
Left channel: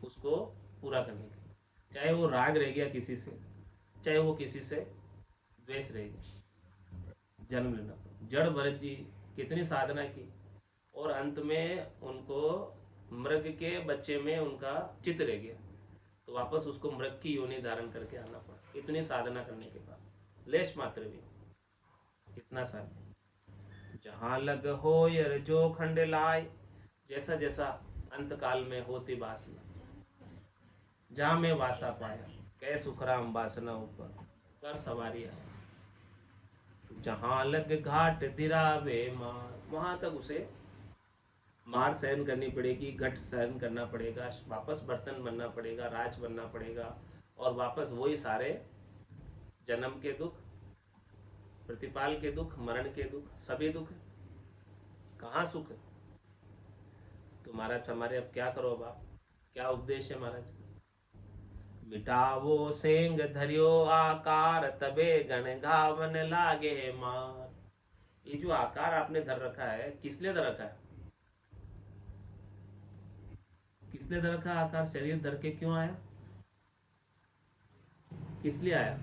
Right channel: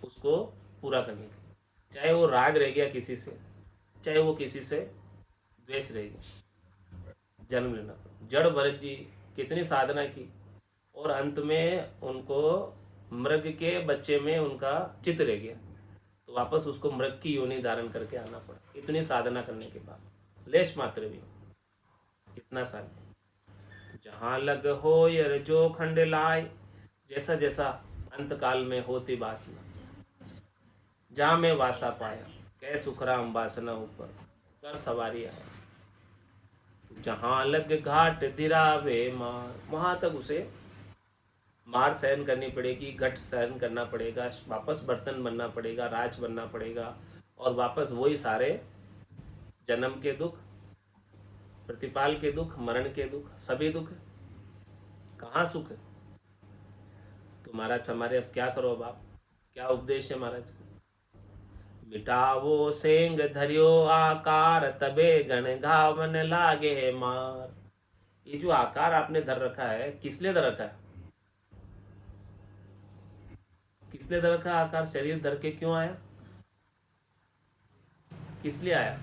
उसको पूरा करने के। चाहे वो राग रह गया किसी से, चाहे वो किसी से द्वेष रह गया, जन्म लेना पड़ा। जड़ भरत जी कितनी साधना की और अंत में उनको मृग के बच्चे में उनका चित्त रह गया, तो वापस उसको मृग की योनि धारण करके आना पड़ा, इतनी साधना करने के बाद, लेश मात्र भी, इतना सा। जहाँ लग हो यर जो खंड लाए, जैसा जैसा अंत काल में होती वासना, जहाँ में वासा पाया, कै सुखराम वासना ऊपर कर सवारी आया। जहाँ लग घाट दिरावे मार, वहां तक उसे मार सहन करनी पड़ेगी, घट सहन करना पड़ेगा, वापस बर्तन बनना पड़ेगा, राज बनना पड़ेगा, और वापस वही सारे जन्म के दुख, प्रतिपाल के दुख, मरण के दुख, सभी दुख। कहाँ सुख है? तो महाराज हमारे अब क्या करो, अब आप क्या उपदेश है महाराज? मिटावो सेंग धरियो आकार, तबे गण घावन लागे मार। ये जो आकार आपने धर रखा है, किस लिए धर रखा है? किस लिए धर रखा आकार? शरीर धर के क्यों आया? किस लिए आया?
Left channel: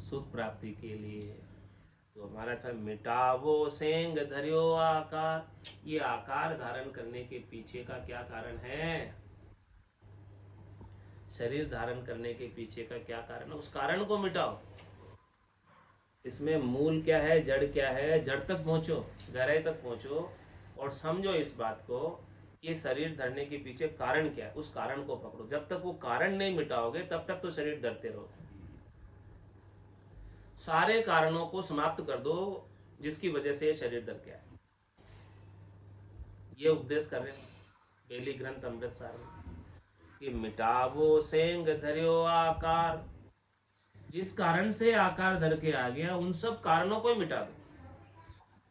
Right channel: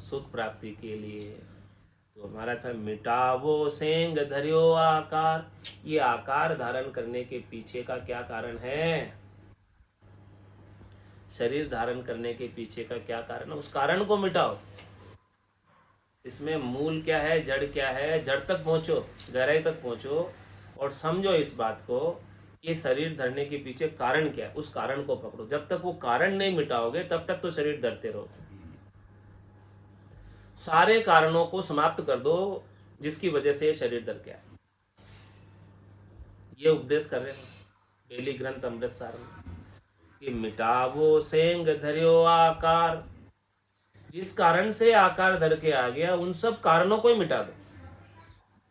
सुख प्राप्ति के लिए। तो महाराज मिटावो सेंग धरियो आकार, ये आकार धारण करने के पीछे का क्या कारण है? शरीर धारण करने के पीछे का क्या कारण है? उस कारण को मिटाओ। इसमें मूल क्या है, जड़ क्या है, जड़ तक पहुंचो, गहराई तक पहुंचो और समझो इस बात को कि शरीर धरने के पीछे कारण क्या है, उस कारण को पकड़ो। जब तक वो कारण नहीं मिटाओगे तब तक तो शरीर धरते रहोगे। सारे कारणों को समाप्त कर दो जिसकी वजह से शरीर धर के आए। ये उपदेश कर रहे हैं बेली ग्रंथ अमृतसार में। कि मिटावो सेंग धर्यो आकार। जिस कारण से आकार धर के आ गया उन सब कारणों को ही मिटा दो।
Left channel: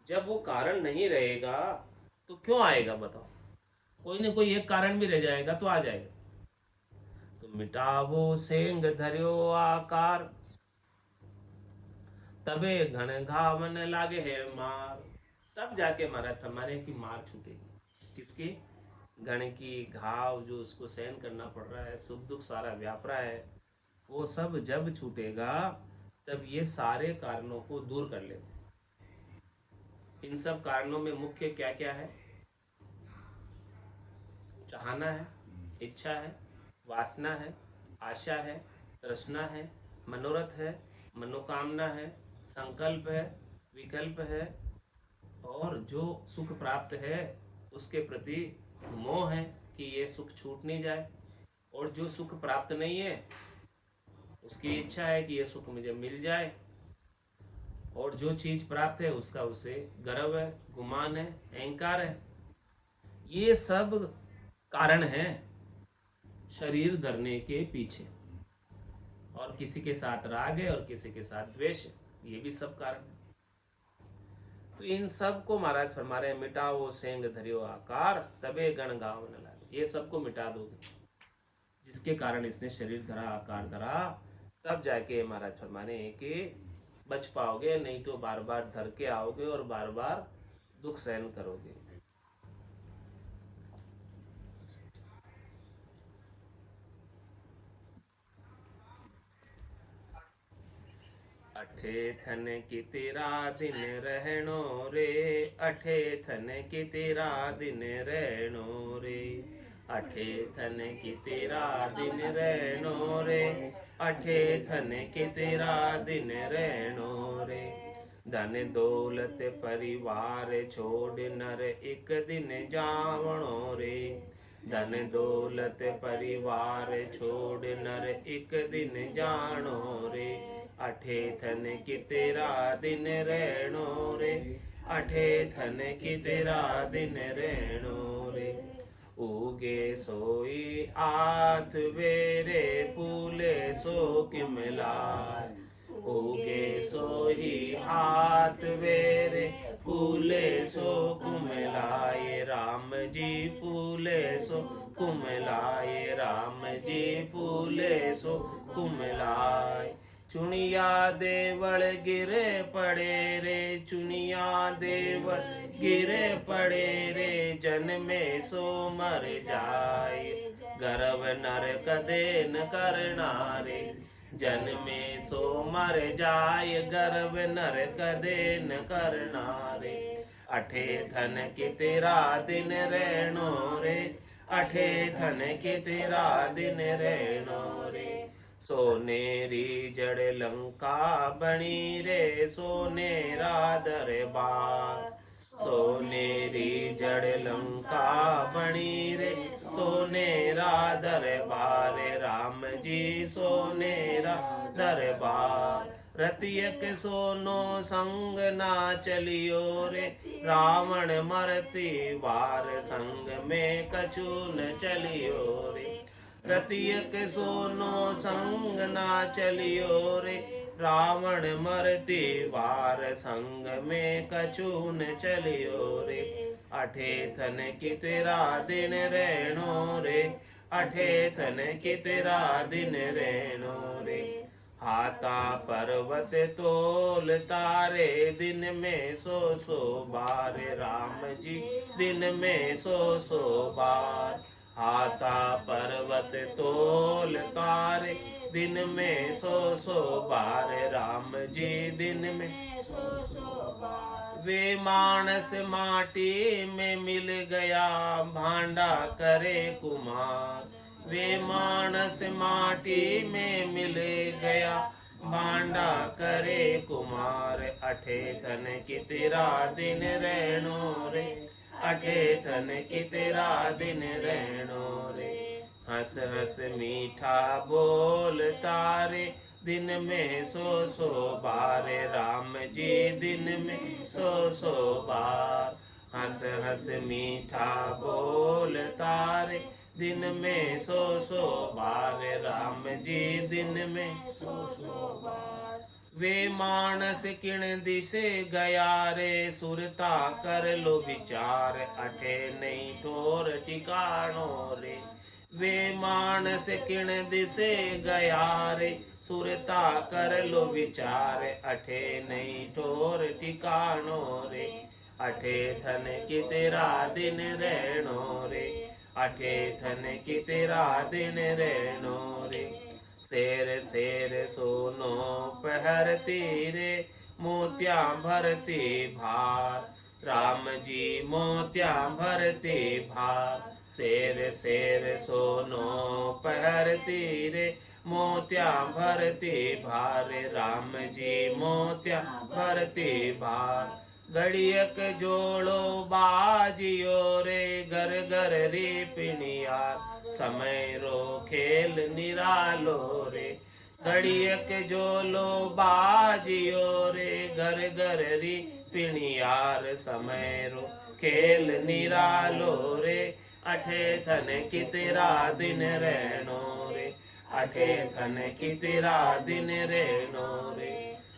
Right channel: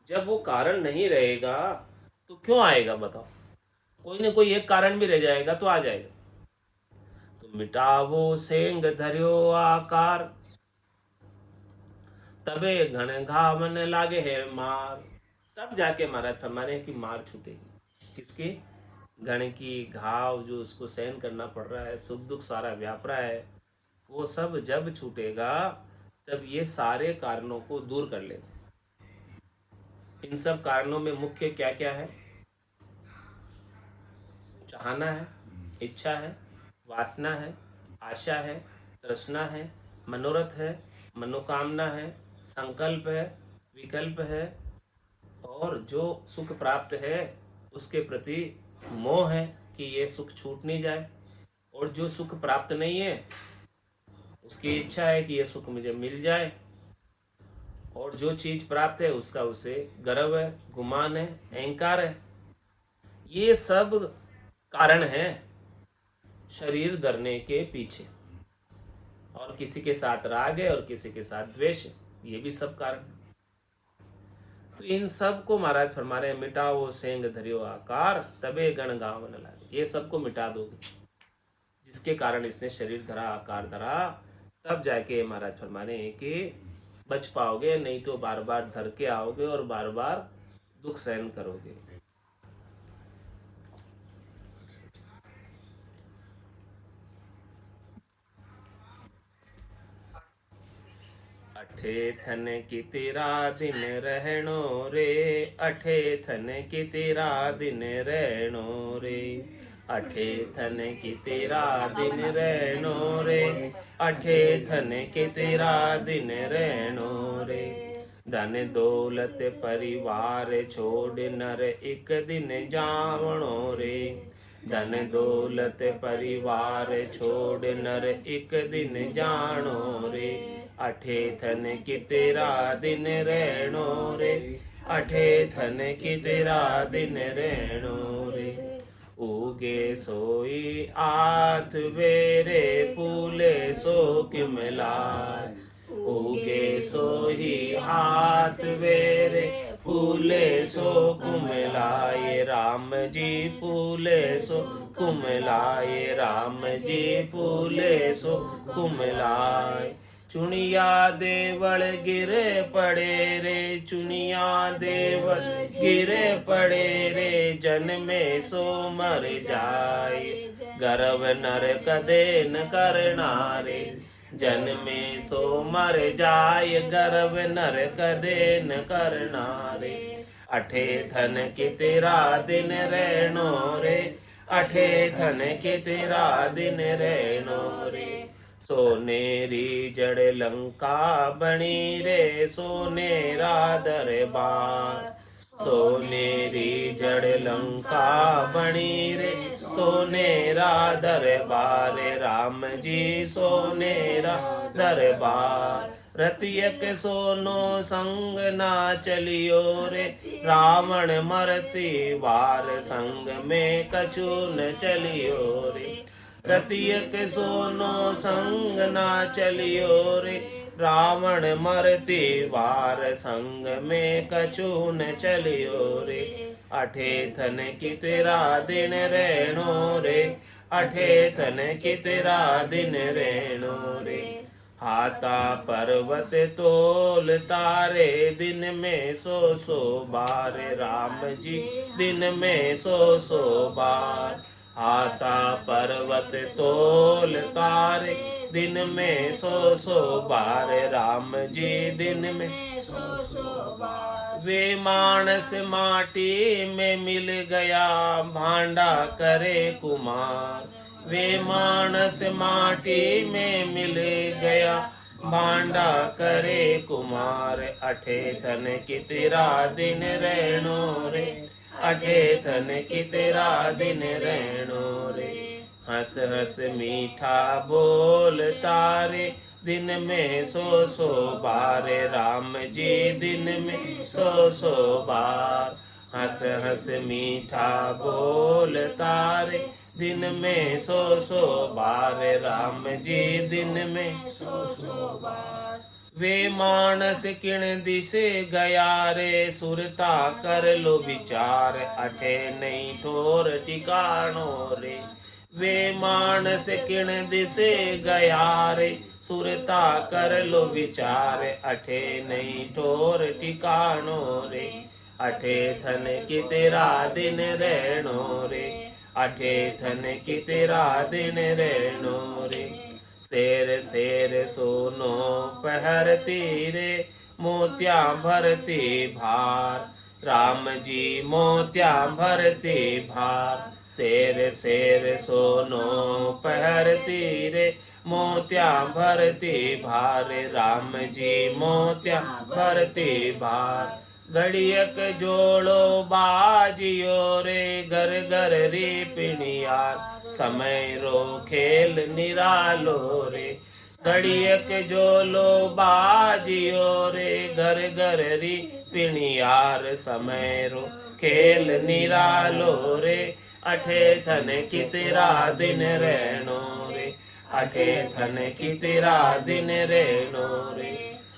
जब वो कारण नहीं रहेगा तो क्यों आएगा बताओ? कोई ना कोई एक कारण भी रह जाएगा तो आ जाएगा। तो मिटावो सेंग धर्यो आकार, तबे घन घावन लागे है मार। तब जाके महाराज फरमाने की मार छूटेगी। किसकी? घण की घाव जो उसको सहन करना पड़ रहा है, सुख दुख सारा व्याप रहा है, वो सब जब छूटेगा तब ये सारे कारणों को दूर कर लेगा। इन सब कारणों में मुख्य क्या क्या है? चाहना है, इच्छा है, वासना है, आशा है, तृष्णा है, मनोरथ है, मनोकामना है, संकल्प है, विकल्प है, और जो सुख प्राप्त है उसके प्रति मोह है कि ये सुख छूट नहीं जाए, और जो सुख प्राप्त नहीं है उसकी इच्छा है कि ये सुख मुझे मिल जाए, और जो चीज प्राप्त है उसका उसे गर्व है, गुमान है, अहंकार है। ये सब कारण है शरीर धरने के पीछे। और किसी के साथ राग है और किसी के साथ द्वेष है, ये भी सब कारण है। तो इन सब को महाराज फरमा रहे हैं, मिटाओ सेंग धरियो आकार, तबे गण गावन लागे। ये सबको मिटा दोगे जिसके कारण इसने शरीर धरा, आकार धरा, तब जाके महाराज फरमा रहे हैं कि बच पाओगे, नहीं तो बार बार धर के आओगे और बार बार दुख सहन करोगे। अठे थन की तेरा दिन रहनो रे, अठे थन की तेरा दिन रहनो रे, अठे थन की तेरा दिन रहनो रे, अठे थन की तेरा दिन रहनो रे। धन दौलत परिवार छोड़ नर एक दिन जावणो रे, धन दौलत परिवार छोड़ नर एक दिन जानो रे, अठे थन की तेरा दिन रहनो रे, अठे थन की तेरा दिन रहनो रे। उगे सोई आठ बेरे, फूले सो किम लाय, उगे सोही हाथ बेरे, फूले सो कुमलाए, राम जी फूले सो कुमलाए, राम जी फूले सो कुमलाए। चुनिया देवल गिरे पड़े रे, चुनिया देवल गिरे पड़े रे, जन्मे सो मर जाए, गर्व नर कदे न करना रे, जन्मे सो मर जाय, गर्व नर कदे न करना रे। अठे थन की तेरा दिन रहनो रे, अठे थन की तेरा दिन रहनो रे। सोनेरी जड़ लंका बनी रे, सोनेरा दरबार, सोनेरी जड़ लंका बनी रे, सोनेरा दरबार, राम जी सोनेरा दरबार। रतियक सोनो संग ना चलियो रे, रावण मरती वार संग में कछु न चलियो रे, रतियक सोनो संग ना चलियो रे, रावण मरती वार संग में कछु न चलियो रे। अठे थन की तेरा दिन रहनो रे, अठे थन की तेरा दिन रहनो रे। हाथा पर्वत तोल तारे, दिन में सो बार, राम जी दिन में सो बार। हाथा पर्वत तोल तारे, दिन में सो बार, राम जी दिन में सो बार। वे मानस माटी में मिल गया, भांडा करे कुमार, वे मानस माटी में मिल गया, भांडा करे कुमार। अठे थन की तेरा दिन रहनो रे, अठे थन की तेरा दिन रहनो रे। हंस हंस मीठा बोल तारे, दिन में सो बार, राम जी दिन में सो बार। हंस हंस मीठा बोल तारे, दिन में 100 बार राम जी दिन में वे मानस किण दिसे गया रे सुरता कर लो विचार अठे नहीं ठोर ठिकानो रे वे मानस किण दिसे गया रे सुरता कर लो विचार अठे नहीं ठोर ठिकानो रे अठे थन की तेरा दिन रहनो रे अठे थन की तेरा दिन रहनो रे शेर शेर सोनो पहरती रे मोतिया भरती भार राम जी मोतिया भरती भार शेर शेर सोनो पहरती रे मोतिया भरती भार राम जी मोतिया भरती भार घड़ियक जोड़ो बाजियो रे घर घर रे पिणियार समय रो खेल निरालो रे घड़ियक जोलो बाजियो रे घर घर री पिणियार समय रो खेल निरालो रे अठे थन की तेरा दिन रहनो रे अठे थन की तेरा दिन रहनो रे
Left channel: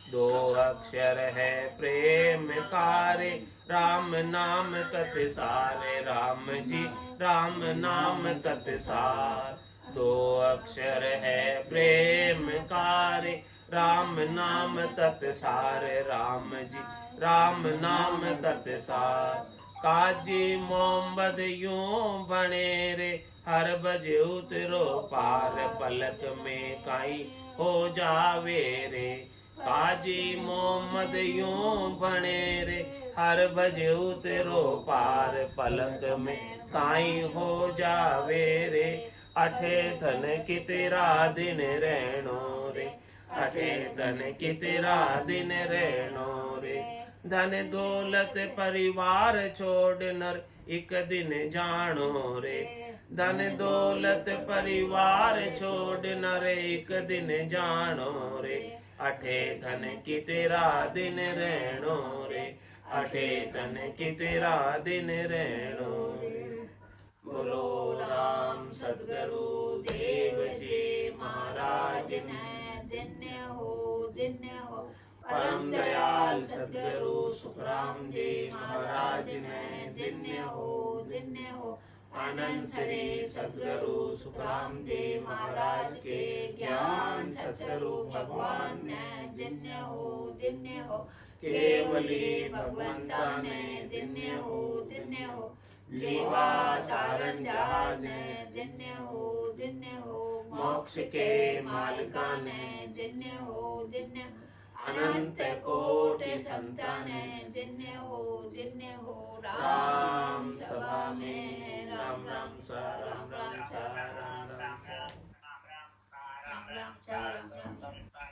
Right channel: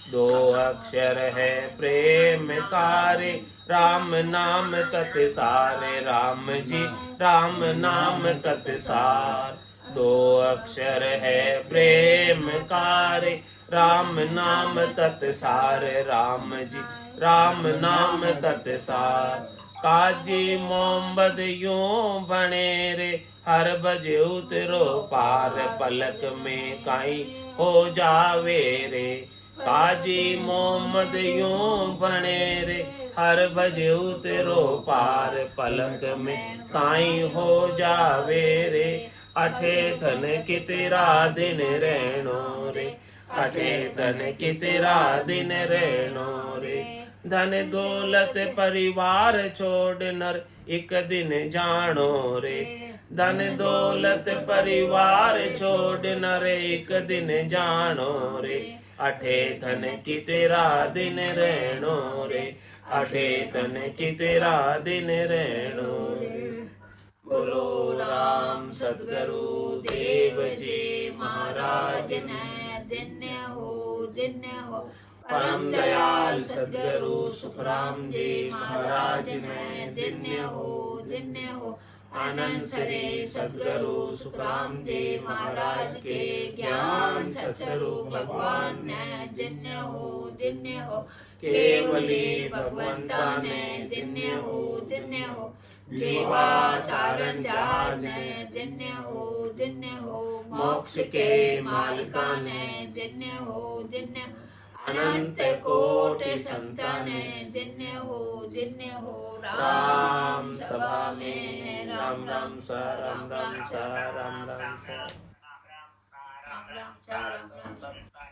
दो अक्षर है प्रेम कारे राम नाम तत्सारे राम जी राम नाम तत्सार दो अक्षर है प्रेम कारे राम नाम तत्सार राम जी राम नाम तत्सार काजी मोहम्मद यूं बने रे हर बजे उतरो पार पलक में काई हो जावे रे काजी मोहम्मद यूं बने रे हर बजे उतरो पार पलक में काई हो जावे रे अठे धन की तेरा दिन रहनो रे अठे धन की तेरा दिन रहनो रे धन दौलत परिवार छोड़ नर एक दिन जानो रे धन दौलत परिवार छोड़ नर एक दिन जानो रे अठे धन की तेरा दिन रहनो रे अठे धन की तेरा दिन रहनो रे बोलो राम सद्गुरु देव जी महाराज ने धन्य हो परम दयाल सद्गुरु सुखराम जी महाराज ने धन्य हो आनंद श्री सद्गुरु सुखराम जी महाराज के ज्ञान सत्स्वरूप भगवान ने धन्य हो केवली भगवंता ने धन्य हो जीवा धारण जहाज ने धन्य हो मोक्ष के मालिका ने धन्य हो अनंत कोटि संतान धन्य हो राम सभा में राम राम सा राम राम सा राम राम सा राम राम सा राम राम सा